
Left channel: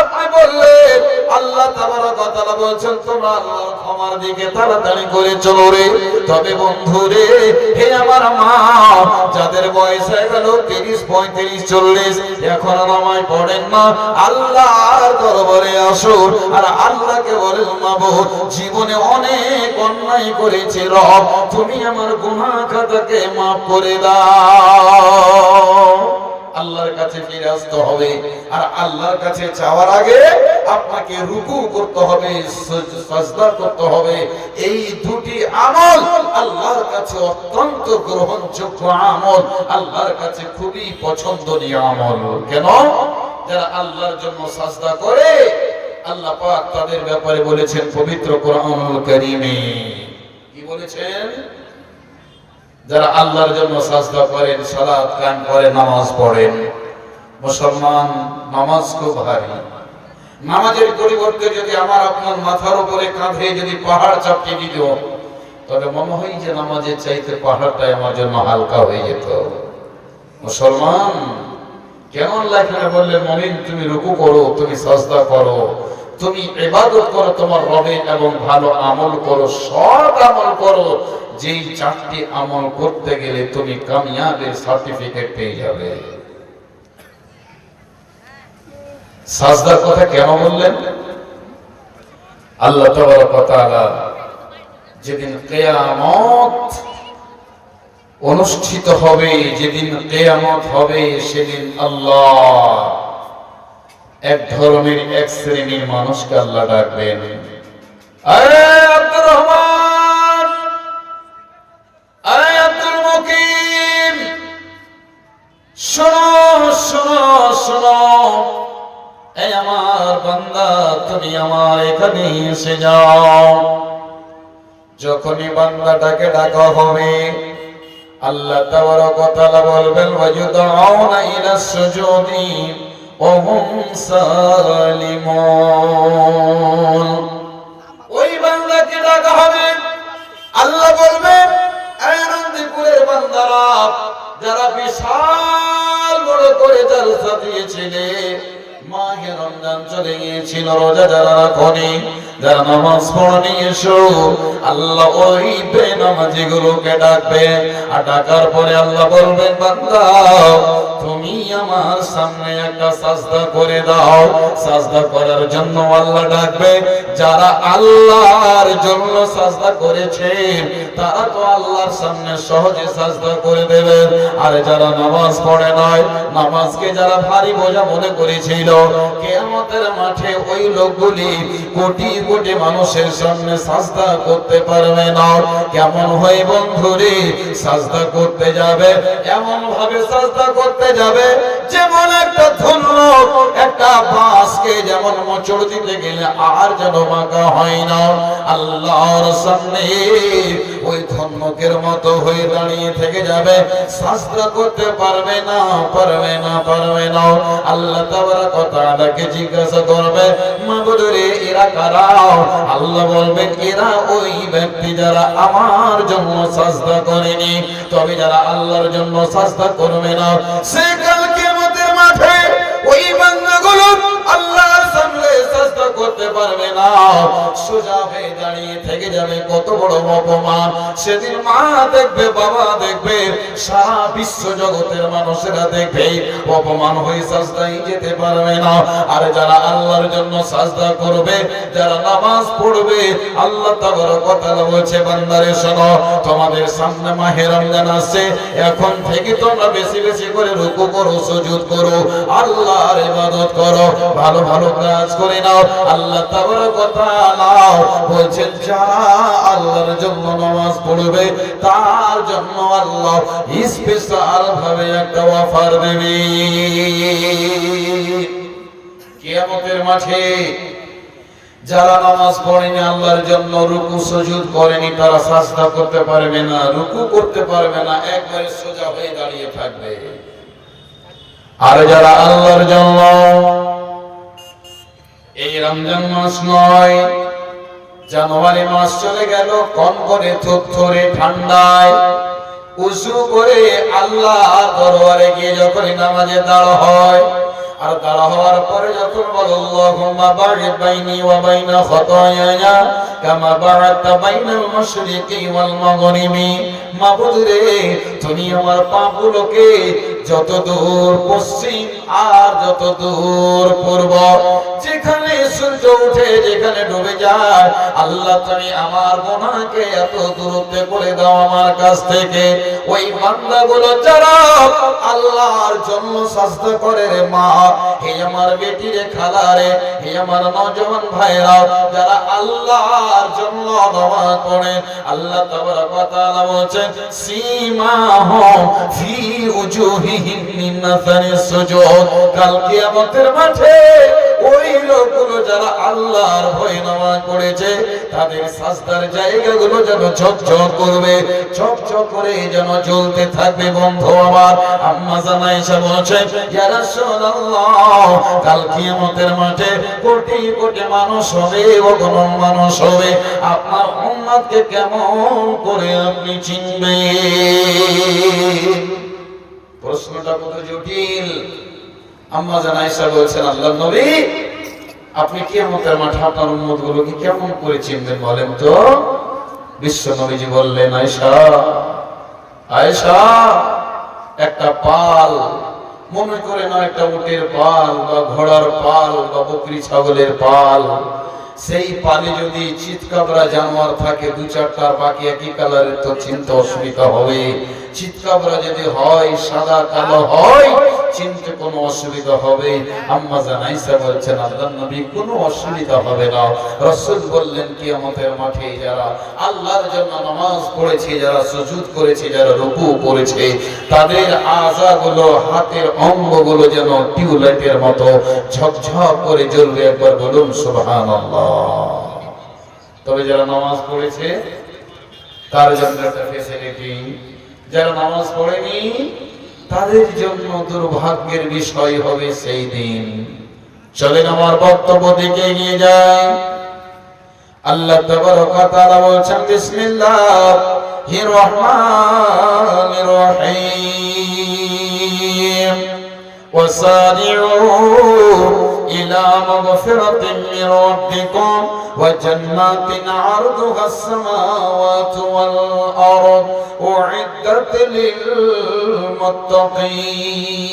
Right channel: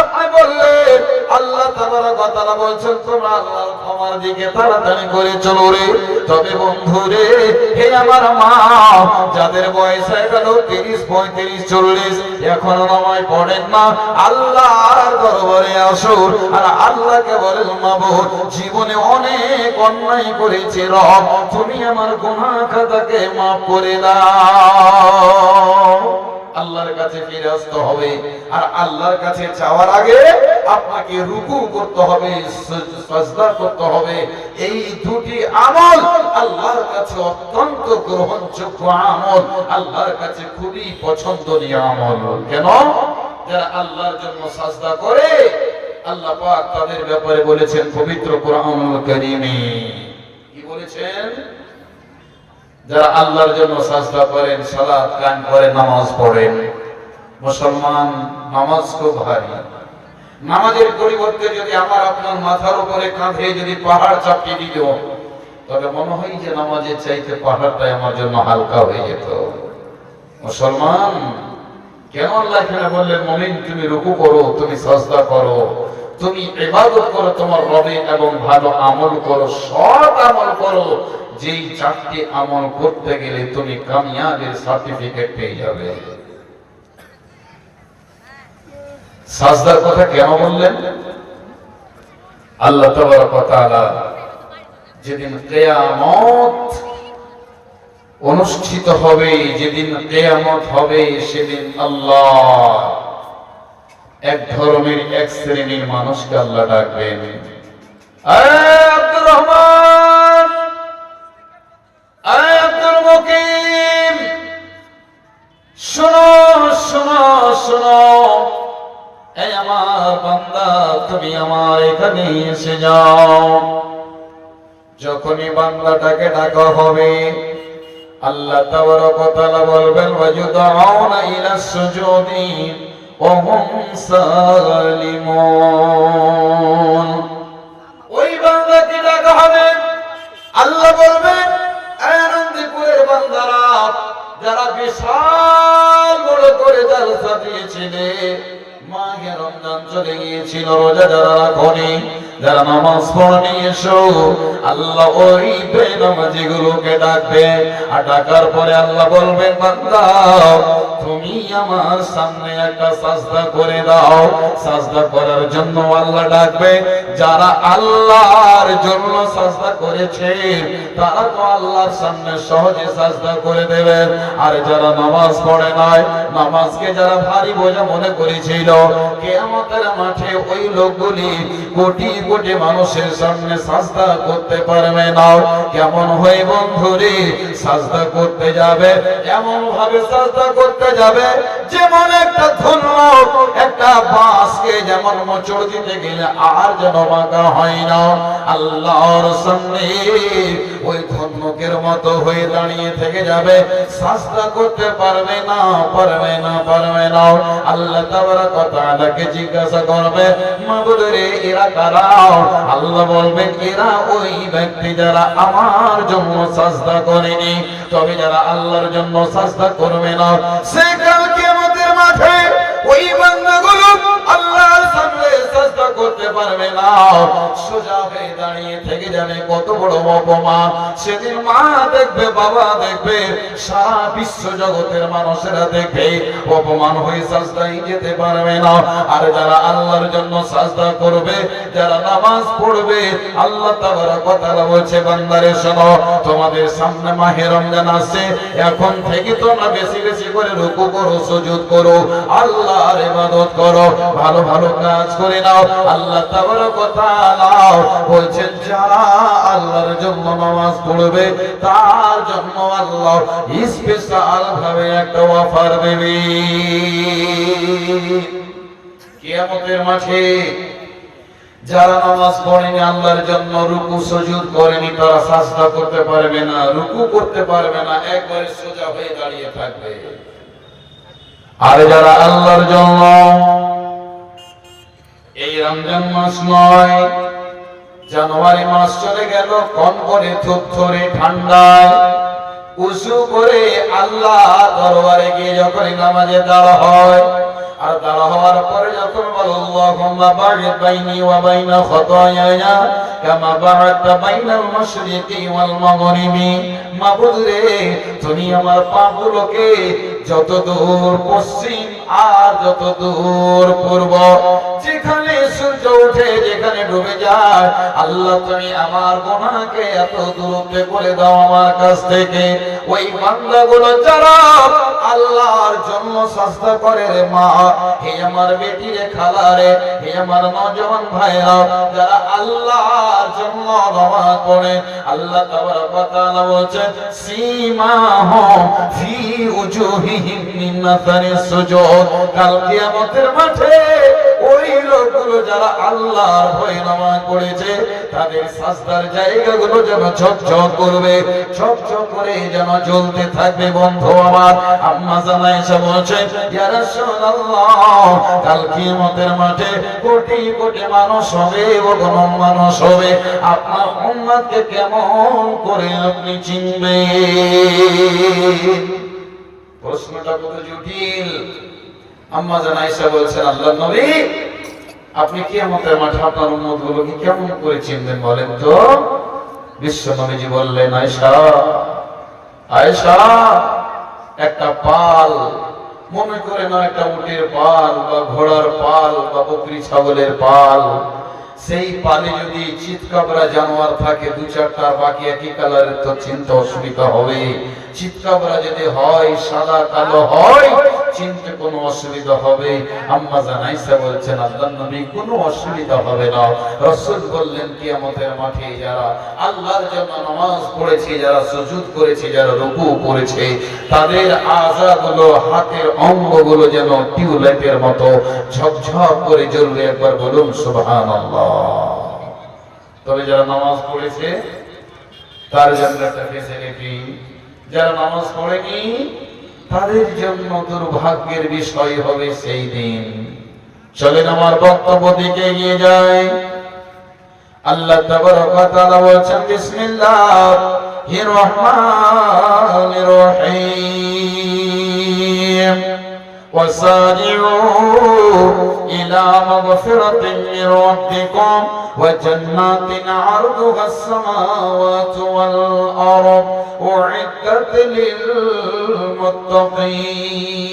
আপনি বললেন আল্লাহ তাবারক ওয়া তাআলা বলছেন, তোমরা আল্লাহর ক্ষমার আমার দিকে তাড়াতাড়ি করে চলো রে। তবে বন্ধু রে, হে আমার মা, যাদের বয়স হয়ে গেল 30, 35, 40, এখনো নামাজ পড়েন না, আল্লাহর দরবারে আসুন আর আল্লাহকে বলেন, মাবুদ জীবনে অনেক অন্যায় করেছি, রব তুমি আমার গুনাহ খাতাকে মাফ করে দাও। আল্লাহর কাছে ফিরে আসতে হবে, আর আল্লাহর কাছে যাওয়ার আগে আপনাকে রুকু করতে হবে, সাজদা করতে হবে। এই দুটি আমল আল্লাহর কাছে অত্যন্ত গ্রহণযোগ্য আমল, আল্লাহর কাছে খুবই পছন্দনীয় আমল। কেন? যারা আল্লাহর জন্য সাজদা করে, আল্লাহ পাক তাদের ব্যাপারে বলেছেন পবিত্র কোরআনুল কারীমে। কি বলেছেন? যারা আল্লাহর জন্য সাজদা করেন, সালাত কায়েম করেন, নামাজ পড়েন। মুসলমান নামাজ খুব ভারী। নামাজের পরিবর্তে যদি আমার আপনার মাথার উপরে কাঁধে যদি পাহাড় চাপিয়ে দিত, তবে মনে হয় যে নামাজের চাইতে পাহাড়টাই আমার জন্য হালকা হয়ে যেত। মুসলমান কেমন লাগে না বললেন, মুমিন তুমি রুকু করো, তুমি সাজদা করো, তুমি ইবাদত করো তোমার রবে, এবং ভালো আমল করো, সৎ আমল করো। যেই চারটি আমল করতে গেলে তুমি কামিয়াবের সার্টিফিকেট পেয়ে যাবে। সাজদার কথা কেন বললেন? আল্লাহ তাবারক ওয়া তাআলা যেদিন কিয়ামত অনুষ্ঠিত হবে, যেদিন কিয়ামত হবে, সেদিন আল্লাহ এক ধরনের, এক শ্রেণীর মানুষকে আল্লাহ ডাকবেন, আব্দুর রহমান, আব্দুল মুকিম, শোনো শোনো শোনো, এই আমার বান্দা, তুমি আমার এখানে এসে যাও। যখনই বান্দাটাকে ডাকা হবে, আল্লাহ তাবারক ওয়া তাআলা বলবেন, ওয়ায়ুদউনা ইলা সুজুদি ওয়া হুম সালিমুন। ওই বান্দাকে ডাকা হবে, আল্লাহ বলবেন, আনন্দপুরের বান্দারা, যারা বিশাল বড় করে জালসা দিয়েছিলে, মাহে রমজান চলে গিয়েছিল, রোজা যারা রাখনি, যারা নামাজ পড়নি, এসো। আল্লাহ ওই বেনামাজিগুলোকে ডাকবে, আর ডাকার পরে আল্লাহ বলবেন, বান্দা তুমি আমার সামনে একটা সাজদা করে দাও। সাজদা করার জন্য আল্লাহ ডাকবে। যারা আল্লাহর জন্য সাজদা করেছে, তারা তো আল্লাহর সামনে সহজে সাজদা করে দেবে। আর যারা নামাজ পড়ে নাই, নামাজকে যারা ভারী বোঝা মনে করেছিল, কিয়ামতের মাঠে ওই লোকগুলি কোটি কোটি মানুষের সামনে সাজদা করতে পারবে না। কেমন হয় বন্ধুরে, সাজদা করতে যাবে, এমন ভাবে সাজদা করতে যাবে যেমন একটা ধন্য একটা বাঁশকে যেমন মোচড় দিতে গেলে আর যেন বাঁকা হয় না, আল্লাহর সামনে ওই ধন্যকের মতো হয়ে দাঁড়িয়ে থেকে যাবে, সাজদা করতে পারবে না, পারবে না, পারবে না। আল্লাহ তাবারক ওয়া তাআলাকে জিজ্ঞাসা করবে, মাবুদ রে এরা কারা? আল্লাহ বলবেন, এরা ওই ব্যক্তি যারা আমার জন্য সাজদা করেনি। তবে যারা আল্লাহর জন্য সাজদা করবে না, সে কাল কিয়ামতের মাঠে ওই বান্দাগুলো আল্লাহর সামনে সাজদা করতে পারবে না, সোজা হয়ে দাঁড়িয়ে থেকে যাবে। কত বড় অপমান! সেদিন মা দেখবে, বাবা দেখবে, সারা বিশ্ব জগতের মানুষেরা দেখবে, অপমান হয়ে সাজদায় যেতে পারবে না। আর যারা আল্লাহর জন্য সাজদা করবে, যারা নামাজ পড়বে, আল্লাহ তাবারক ওয়া তাআলা বলছে, বান্দারে শোনো, তোমাদের সামনে মাহে রমজান আসছে, এখন থেকে তোমরা বেশি বেশি করে রুকু করো, সুজুদ করো, আল্লাহর ইবাদত করো, ভালো ভালো কাজ করে নাও। আল্লাহ তাবারক ওয়া তাআলা বলছেন, যারা আল্লাহর জন্য নামাজ পড়বে, তার জন্য আল্লাহ স্পেশাল ভাবে একটা অফার দেবে কিয়ামতের মাঠে। যারা নামাজ পড়েনি, আল্লাহর জন্য রুকু সুজুদ করেনি, তারা সাজদা করতে পারবে না, রুকু করতে পারবে না, একবারে সোজা হয়ে দাঁড়িয়ে থাকবে। আর যারা আল্লাহর জন্য, এই রমজান মাস নয়, জানুয়ারি মাস চলে গেল, কন করে থরথরে ঠান্ডায় উযু করে আল্লাহ দরবারে গিয়ে যখন নামাজে দাঁড় হয়, আর দাঁড়া হওয়ার পরে যখন বলো আল্লাহুম্মা বা'id বাইনি ওয়া বাইনা খাতায়ায়া কামা বা'adta বাইনাল মাশরিকি ওয়াল মাগরিবি, মাবুদ রে তুমি আমার পাপগুলোকে যত দূর পশ্চিম আর যত দূর পূর্ব, যেখানে সূর্য ওঠে যেখানে ডুবে যায়, আল্লাহ তুমি আমার গুনাহকে এত দূরত্বে করে দাও আমার কাছ থেকে। ওই বান্দাগুলো যারা আল্লাহর জন্য সাজদা করে রে মা, হে আমার বেটি রে, খালা রে, হে আমার নওজওয়ান ভাইরা, যারা আল্লাহর জন্য নামাজ পড়ে, আল্লাহ তাবারক ওয়া তাআলা বলেন সীমাহুম ফি উজুহিহিম মিন আসারিস সুজুদ, কাল কিয়ামতের মাঠে ওই লোকগুলো যারা আল্লাহর ভয়ে নামাজ পড়েছে তাদের সাজদার জায়গাগুলো যেন ঝকঝক করবে, ঝকঝক করে যেন জ্বলতে থাকবে। বন্ধু আমার, আম্মা জান আয়েশা বলেছেন ইয়া রাসূলুল্লাহ, কাল কিয়ামতের মাঠে কোটি কোটি মানুষ হবে, অগণন মানুষ হবে, আপনার উম্মতকে কেমন করে আপনি চিনবেন? প্রশ্নটা কত জটিল। আম্মা জান আয়েশা বলেছেন আল্লাহর নবী, আপনি কিয়ামতের মাঠে আপনার উম্মতগুলোকে কেমন করে চিনবেন বলেন তো? বিশ্ব নবীজি বললেন আয়েশা, আয়েশা, একটা পাল, মনে করে না একটা উটের পাল বা ঘোড়ার পাল বা বকরি ছাগলের পাল, সেই পালে যদি চিৎকাবরা জানোয়ার থাকে দু চারটার, বাকি একই কালারের, তো চিনতে অসুবিধা হবে। চিৎকাবরা যদি হয় সাদা কালো হয়, চিনতে কোনো অসুবিধা হবে। আম্মা জান আয়েশা বলছেন আল্লাহর নবী কোনো অসুবিধা হবে না। রাসূল বললেন কিয়ামতের মাঠে যারা আল্লাহর জন্য নামাজ পড়েছে, যারা সুজুদ করেছে, যারা রুকু করেছে, তাদের আযাগুলো, হাতের অঙ্গগুলো যেন টিউবলাইটের মতো ঝকঝক করে জ্বলবে। একবার বলুন সুবহানাল্লাহ। তবে যারা নামাজ পড়েছে তার জন্য একটা ফ্যাসিলিটি, যারা নামাজ পড়েনি তাদের জন্য দুর্ভাগ্যের বিষয় হবে সেই দিন। চলেন আমার বক্তব্য দিকে এগিয়ে যায়। আল্লাহ তাবারক ওয়া তাআলা বলেছেন বিসমিল্লাহির রহমানির রহিম ওয়াসারিউ ইলা মাগফিরাতিন মির রাব্বিকুম ওয়া জান্নাতিন আরদুহাস সামাওয়াতু ওয়াল আরদ উইদ্দাত লিল মুত্তাকিন।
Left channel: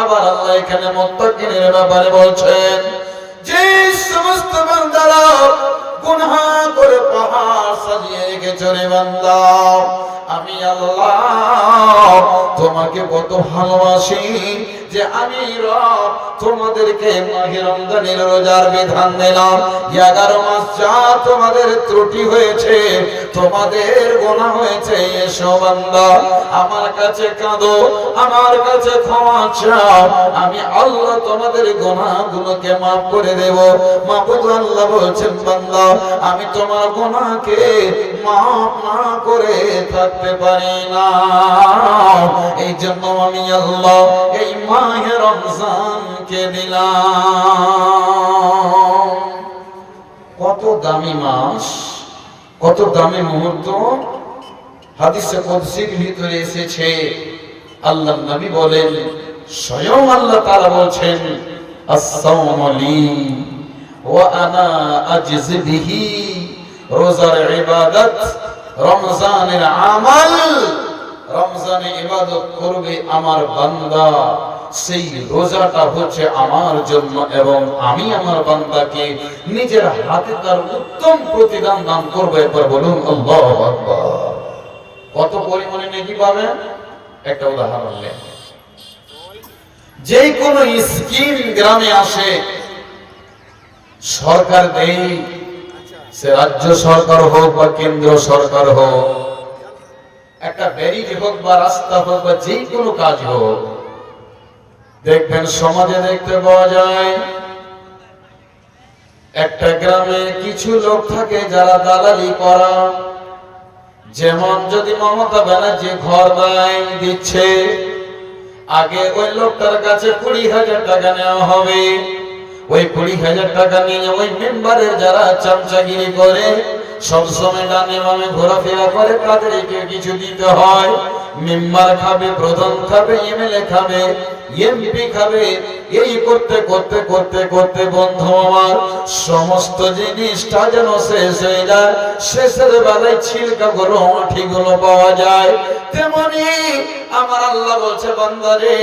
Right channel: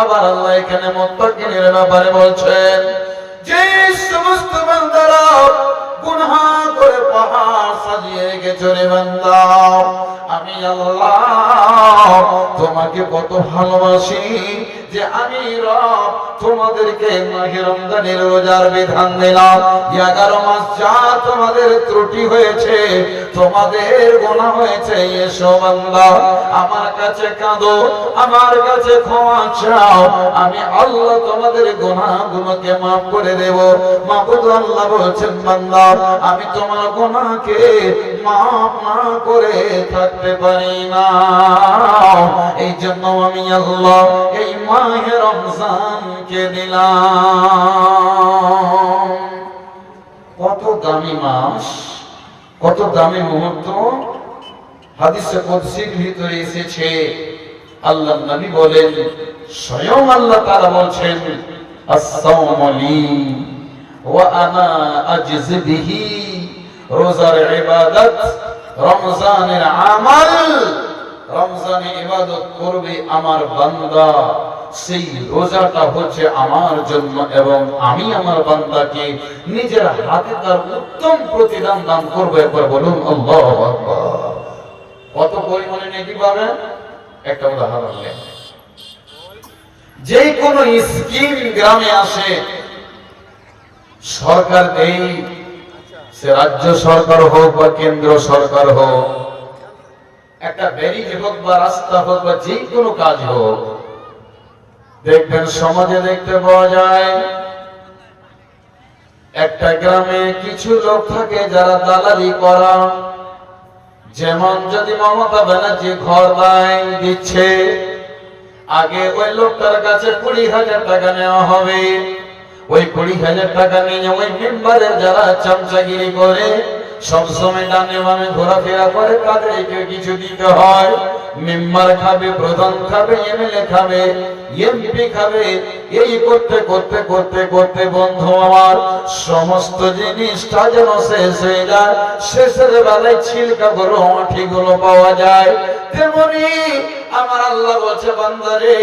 আবার আল্লাহ এখানে মুত্তাকিনের ব্যাপারে বলছেন, যে সমস্ত বান্দারা গুনাহ করে পাহাড় সাজিয়ে রেখেছে রে বান্দা, আমি আল্লাহ তোমাকে কত ভালোবাসি যে আমি রব তোমাদেরকে মাহে রমজানের রোজার বিধান দিলাম। 11 মাস যা তোমাদের ত্রুটি হয়েছে, তোমাদের গুনাহ হয়েছে, এসো বান্দা আমার কাছে কাঁদো, আমার কাছে ক্ষমা চাও, আমি আল্লাহ তোমাদের গুনাহগুলোকে মাফ করে দেব। মাবুদ আল্লাহ বলছেন বান্দা আমি তোমার গুনাহকে মাফ না করে থাকতে পারি না, এই জন্য আমি আল্লাহ এই মাহে রমজানকে দিলাম। কত দামি মাস, কত দামি মুহূর্ত। হাদিসে কুদসির ভিতরে এসেছে, আল্লাহর নবী বলেন, স্বয়ং আল্লাহ তাআলা বলছেন আস-সাওমু লি ওয়া আনা আজজি বিহি, রোজার ইবাদত, রমজানের আমল, রমজানে ইবাদত করবে আমার বান্দা, সেই রোজাটা হচ্ছে আমার জন্য, এবং আমি আমার বান্দাকে নিজের হাতে তার উত্তম প্রতিদান দান করবো। একবার বলুন আল্লাহু আকবার। কত পরিমাণে নেকি পাবেন? একটা উদাহরণ নেই, যে কোনো স্কিম গ্রামে আসে সরকার দেই, সে রাজ্য সরকার হোক বা কেন্দ্র সরকার হোক, একটা ব্যারিকেড হোক বা রাস্তা হোক বা যে কোনো কাজ হোক, দেখবেন সমাজে দেখতে পাওয়া যায় একটা গ্রামে কিছু লোক থাকে যারা দালালি করা। যেমন যদি মমতা ব্যানার্জি ঘর দিচ্ছে, আগে ওই লোকটার কাছে 20,000 টাকা নেওয়া হবে, ওই 20,000 টাকা নিয়ে ওই মেম্বারের যারা চামচাগিরি করে সব সময় ডানে বামে ঘোরাফেরা করে, তাদেরকে কিছু দিতে হয়। মেম্বার খাবে, প্রধান খাবে, এমএলএ খাবে, এমপি খাবে, এই করতে করতে করতে করতে বন্ধু আমার সমস্ত জিনিসটা যেন শেষ হয়ে যায়। শেষের বেলায় ছিলকা গরম আঠিগুলো পাওয়া যায়। তেমনি আমার আল্লাহ বলছে, বান্দারে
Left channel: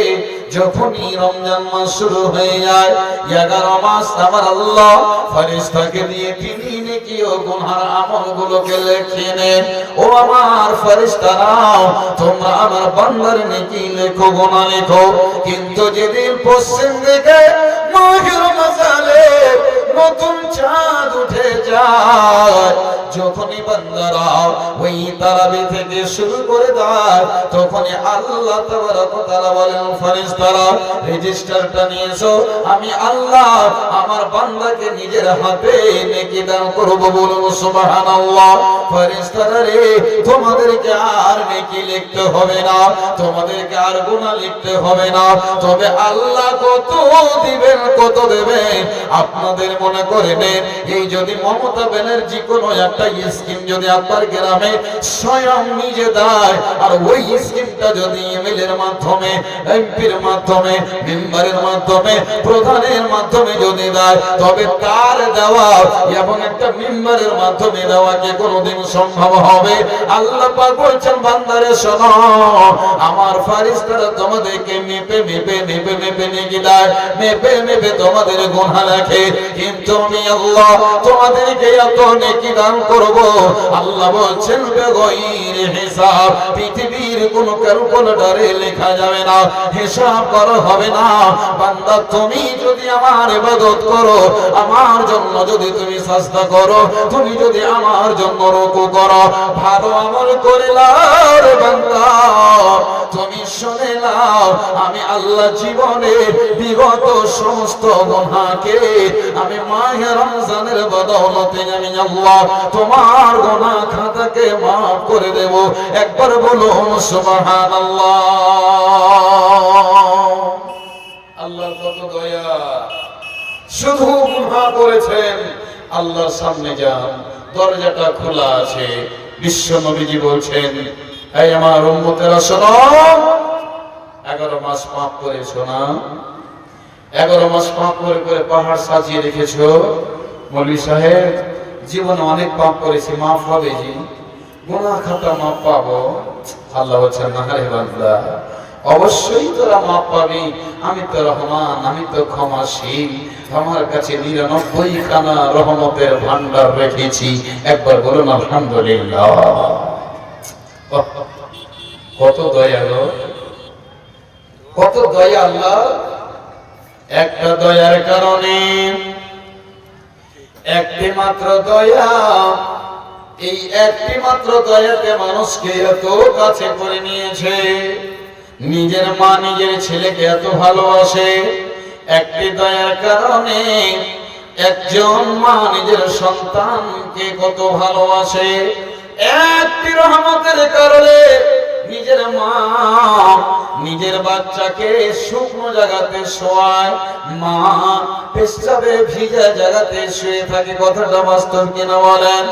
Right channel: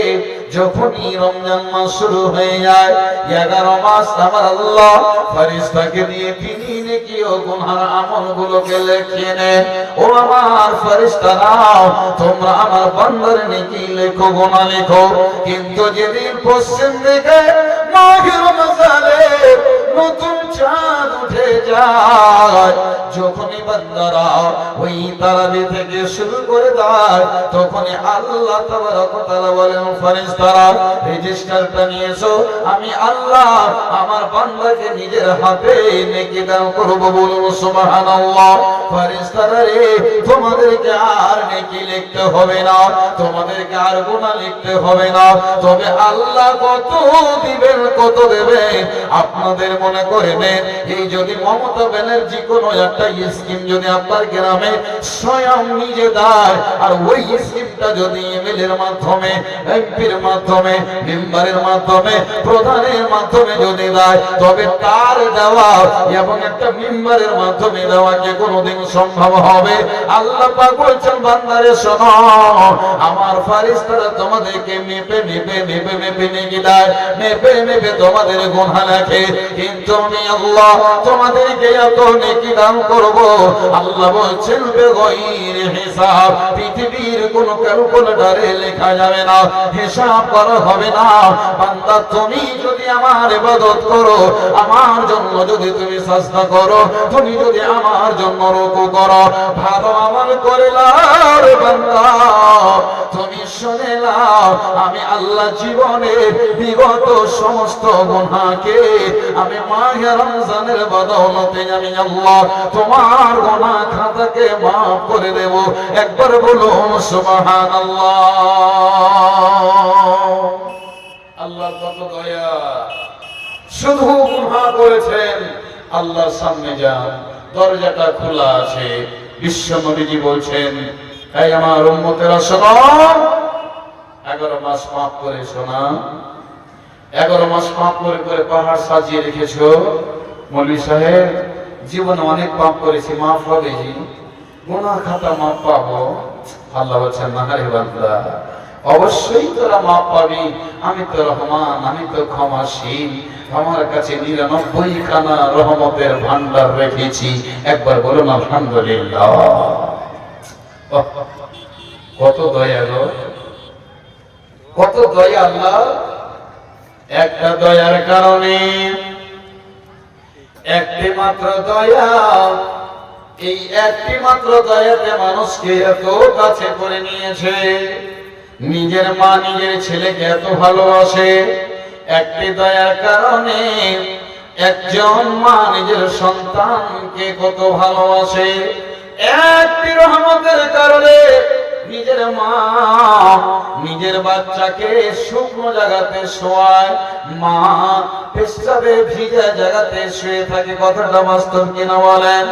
যখনই রমজান মাস শুরু হয়ে যায়, 11 মাস আমার আল্লাহ ফেরেশতাকে দিয়ে তিনি নেকি ও গুনার আমলগুলোকে লিখে নেন। ও আমার ফেরেশতারা, তোমরা আমার বান্দার নেকি লেখো, গুনাহ লেখো। কিন্তু যেদিন পশ্চিম দিকে মাহে রমজানে নতুন চাঁদ উঠে যায়, যখনই বান্দারা ওই তারাবি থেকে শুরু করে দেয়, তখনই আল্লাহ তাবারক ওয়া তাআলা বলেন, ফেরেশতারা রেজিস্টারটা নিয়ে এসো, আমি আল্লাহ আমার বান্দাকে নিজের হাতে নেকি দান করব। বলুন সুবহানাল্লাহ। ফেরেশতারা রে, তোমাদেরকে আর নেকি লিখতে হবে না, তোমাদেরকে আর গুনাহ লিখতে হবে না। তবে আল্লাহ কত দিবেন, কত দেবেন আপনাদের মনে করে নেন। এই যদি মমতা ব্যানার্জি কোনো একটা স্কিম যদি আপনার গ্রামে স্বয়ং নিজে দেয়, আর ওই স্কিমটা যদি এমএলএর মাধ্যমে, এমপির মাধ্যমে, মেম্বারের মাধ্যমে, প্রধানের মাধ্যমে যদি দেয়, তবে তার দেওয়া এবং একটা মেম্বারের মাধ্যমে দেওয়াকে কোনোদিন সম্ভব হবে? আল্লাহ পাক বলছেন, বান্দারে শোনো, আমার ফেরেশতারা তোমাদেরকে মেপে মেপে মেপে মেপে নেকি দেয়, মেপে মেপে তোমাদের গুনাহ লেখে। কিন্তু আমি আল্লাহ তোমাদেরকে এত নেকি দান করব, আল্লাহ বলছেন বেগৈর হিসাব। পৃথিবীর কোন ক্যালকুলেটরে লেখা যাবে না, হিসাব করা হবে না। বান্দা তুমি যদি আমার ইবাদত করো, আমার জন্য যদি তুমি সাজদা করো, তুমি যদি আমার জন্য রুকু করো, ভালো আমল করে লাও রে বান্দা, তুমি শুনে নাও, আমি আল্লাহ জীবনের বিগত সমস্ত গুনাহকে আমি মাহে রমজানের বদৌলতে আমি আল্লাহ তোমার গুনাহ খাতাকে মাফ করে দেব। একবার বলো সুবহানাল্লাহ। আল্লাহ কত দয়া, শুধু গুনাহ করেছেন, আল্লাহর সামনে যান, দরজাটা খোলা আছে। বিশ্ব নবীজি বলছেন, এই আমার উম্মতেরা শোনো, 11 মাস পাপ করে শোনা, 11 মাস পাপ করে করে পাহাড় সাজিয়ে রেখেছো। মৌলভী সাহেব, জীবনে অনেক পাপ করেছি, মাফ হবে জি, গুনাহ খাতা মাফ পাবো? আল্লাহ বলছেন, না রে বান্দা, অবশ্যই তোরা মাফ পাবি। আমি তো রহমান, আমি তো ক্ষমাশীল, আমার কাছে 99 খানা রহমতের ভান্ডার রেখেছি। একবার বলুন আলহামদুলিল্লাহ। কত দয়া গো, কত দয়া আল্লাহ। একটা দয়ার কারণে, একটি মাত্র দয়া, এই একটি মাত্র দয়াতে মানুষকে এত কাছে করে নিয়েছে। নিজের মা নিজের ছেলেকে এত ভালোবাসে, একটি দয়ার কারণে একজন মা নিজের সন্তানকে কত ভালোবাসে। একটি রহমতের কারণে নিজের মা নিজের বাচ্চাকে শুকনো জায়গাতে শোয়ায়, মা পেশাবে ভিজা জায়গাতে শুয়ে থাকে। কথাটা বাস্তব কিনা বলেন?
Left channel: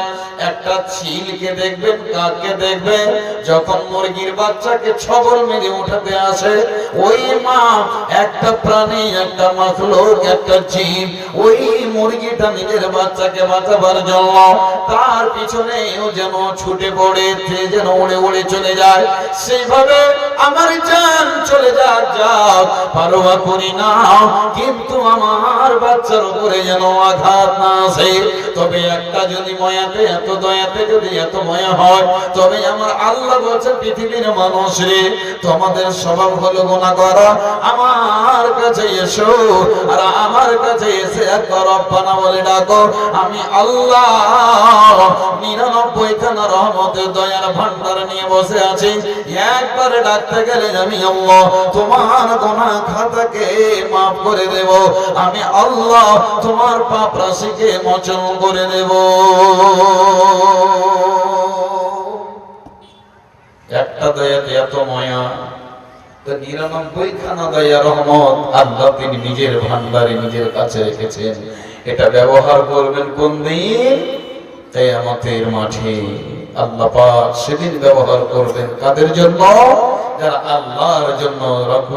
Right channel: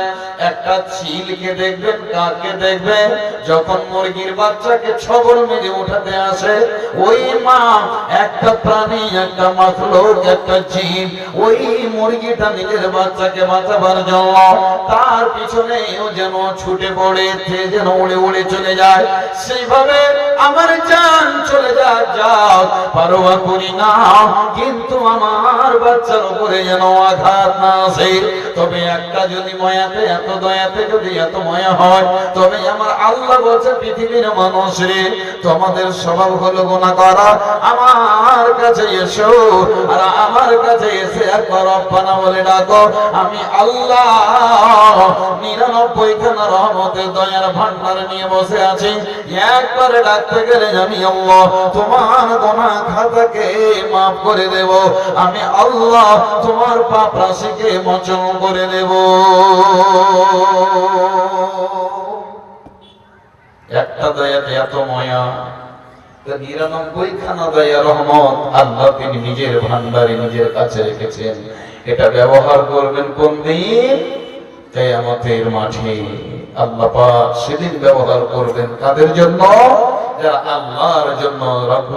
একটা চিলকে দেখবেন, কাকে দেখবেন, যখন মুরগির বাচ্চাকে ছবল মেরে উঠাতে আসে, ওই মা একটা প্রাণী, একটা মাখলুক, একটা জীব, ওই মুরগিটা নিজের বাচ্চাকে বাঁচাবার জন্য তার পিছনেও যেন ছুটে পড়ে, যেন উড়ে উড়ে চলে যায়। সেইভাবে আমার জান চলে যাও, পারোয়া করি না, কিন্তু আমার বাচ্চার উপরে যেন আঘাত না আসে। তবে একটা যদি মায়াতে, এত দয়াতে যদি এত মায়া হয়, তবে আমার আল্লাহ বলছে, পৃথিবীর মানুষ রে, তোমাদের স্বভাব হলো গুনাহ করা, আমার কাছে এসো, আর আমার কাছে এসে একবার রব্বানা বলে ডাকো। আমি আল্লাহ 99 খানা রহমতের দয়ার ভান্ডার নিয়ে বসে আছি। একবার ডাকতে গেলে আমি আল্লাহ তোমার গুনাহ খাতাকে মাফ করে দেব, আমি আল্লাহ তোমার পাপ রাশিকে মোচন করে দেব। একটা দয়াতে এত মায়া, 99 খানা দয়া রহমত আল্লাহ তিনি নিজের ভান্ডারে নিজের কাছে রেখেছেন। এটা ব্যবহার করবেন কোন দিন? কিয়ামতের মাঠে আল্লাহ পাক সেদিন ব্যবহার করবেন কাদের জন্য? যারা আল্লাহর জন্য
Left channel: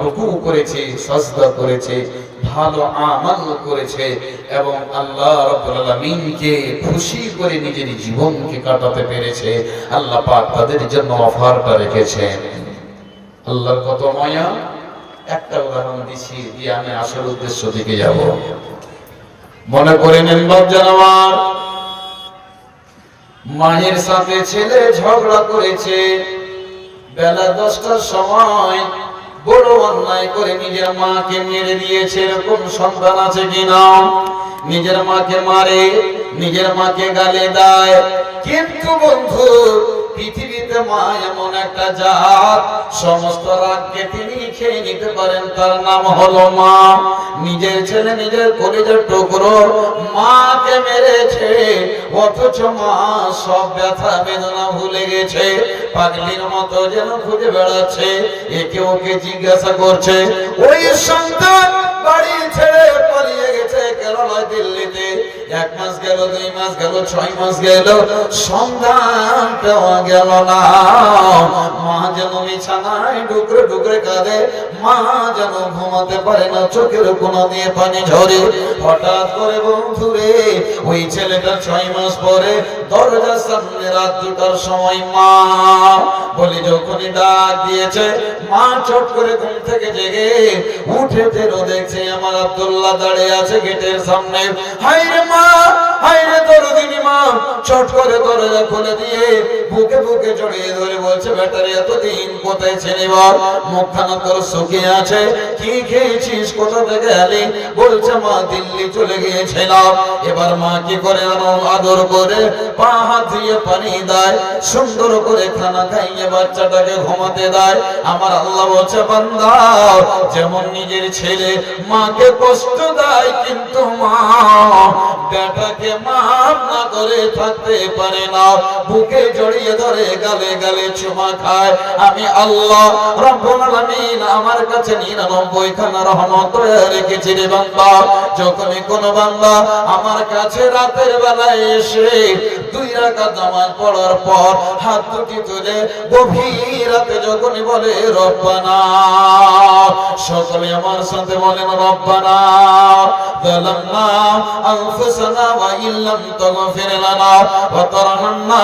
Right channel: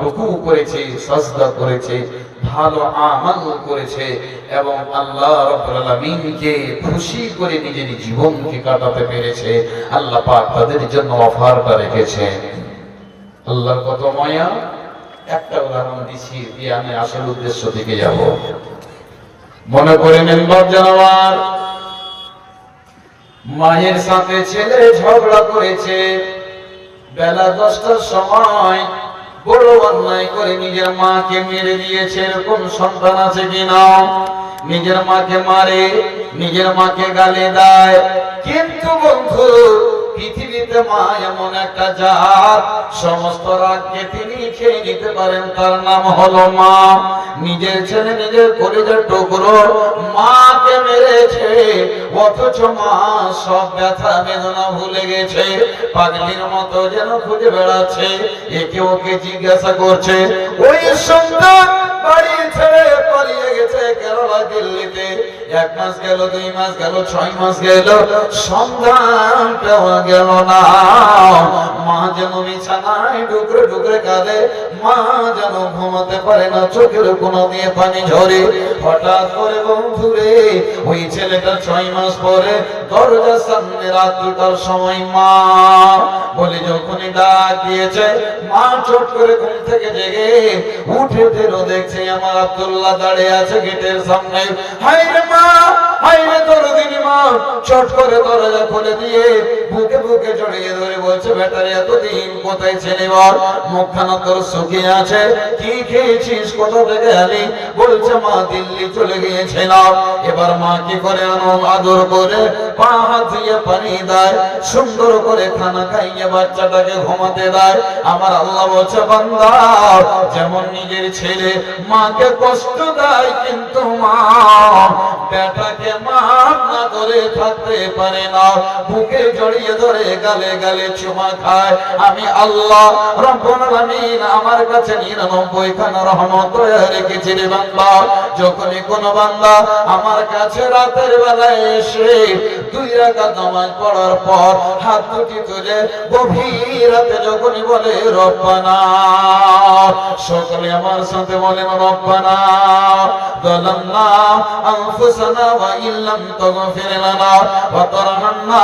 রুকু করেছে, সাজদা করেছে, ভালো আমল করেছে এবং আল্লাহ রাব্বুল আলামিনকে খুশি করে নিজের জীবনকে কাটাতে পেরেছে। আল্লাহ পাক তাদের জন্য অফারটা রেখেছেন। আল্লাহর কত মায়া। একটা উদাহরণ দিচ্ছি, দিয়ে আমি আসল উদ্দেশ্য দিকে যাব। মনে করে নেন বাপজান আমার, মায়ের সাথে ছেলে ঝগড়া করেছে, বেলা 10টার সময় বড় অন্যায় করে নিজের মাকে মেরে দিয়েছে। এরকম সন্তান আছে কিনা? নিজের মাকে মারে, নিজের মাকে গালি দেয়। কিন্তু বন্ধু, পৃথিবীতে মা এমন একটা জাত, সমস্ত রাগকে তিনি খেয়ে নিতে পারেন, তার নাম হলো মা। নিজের ছেলে নিজের কলিজার টুকরো মাকে মেরেছে, অথচ মা সব ব্যথা বেদনা ভুলে গেছে। পাগলির মতো যেন খুঁজে বেড়াচ্ছে, একে ওকে জিজ্ঞাসা করছে। ওই সন্তান বাড়ি ছেড়ে পালিয়ে গেছে কেরালা, দিল্লিতে। 1 মাস গেল, 2 মাস গেল, 6 মাস গেল, সন্ধান পাওয়া গেল না। মা যেন বিছানায় ডুকরে ডুকরে কাঁদে, মা যেন ঘুমাতে পারে না, চোখের কোনা দিয়ে পানি ঝরে। হঠাৎ করে বন্ধুরে, ওই ছেলেটা 6 মাস পরে দরজার সামনে রাত 2টার সময় মা বলে যখনই ডাক দিয়েছে, মা চট করে ঘুম থেকে জেগে উঠে দেখছে আমার আব্দুল্লাহ দাঁড়িয়ে আছে গেটের সামনে। হায় রে মা, হায় রে দরদিনী মা। চট করে দরজা খুলে দিয়ে বুকে বুকে জড়িয়ে ধরে বলছে, বেটারে এতদিন কোথায় ছিলি বল? মুখখানা তোর শুকিয়ে আছে, কি খেয়েছিস, কোথা থেকে এলি? বলছে মা দিল্লি চলে গিয়েছিলাম। এবার মা কি করে? আদর করে পা হাত দিয়ে পানি দেয়, সুন্দর করে খানা খাইয়ে বাচ্চাটাকে ঘুমাতে দেয়। আমার আল্লাহ বলছে, বান্দা যেমন নিজের ছেলে মাকে কষ্ট দেয়, কিন্তু মা বেটাকে মাফ না করে থাকতে পারে না। বুকে জড়িয়ে ধরে গালে গালে চুমা খায়। আমি আল্লাহ রাব্বুল আলামিন আমার কাছে 99 খানা রহমত রেখেছি রে বান্দা। যখনই কোন বান্দা আমার কাছে রাতের বেলায় এসে 2 রাকাত নামাজ পড়ার পর হাত দুটি তুলে গভীর রাতে যখনই বলে রব্বানা, সকলে আমার সাথে বলেন রব্বানা যালামনা আনফুসানা ওয়া ইল্লাম তাগফির লানা ওয়া তারহামনা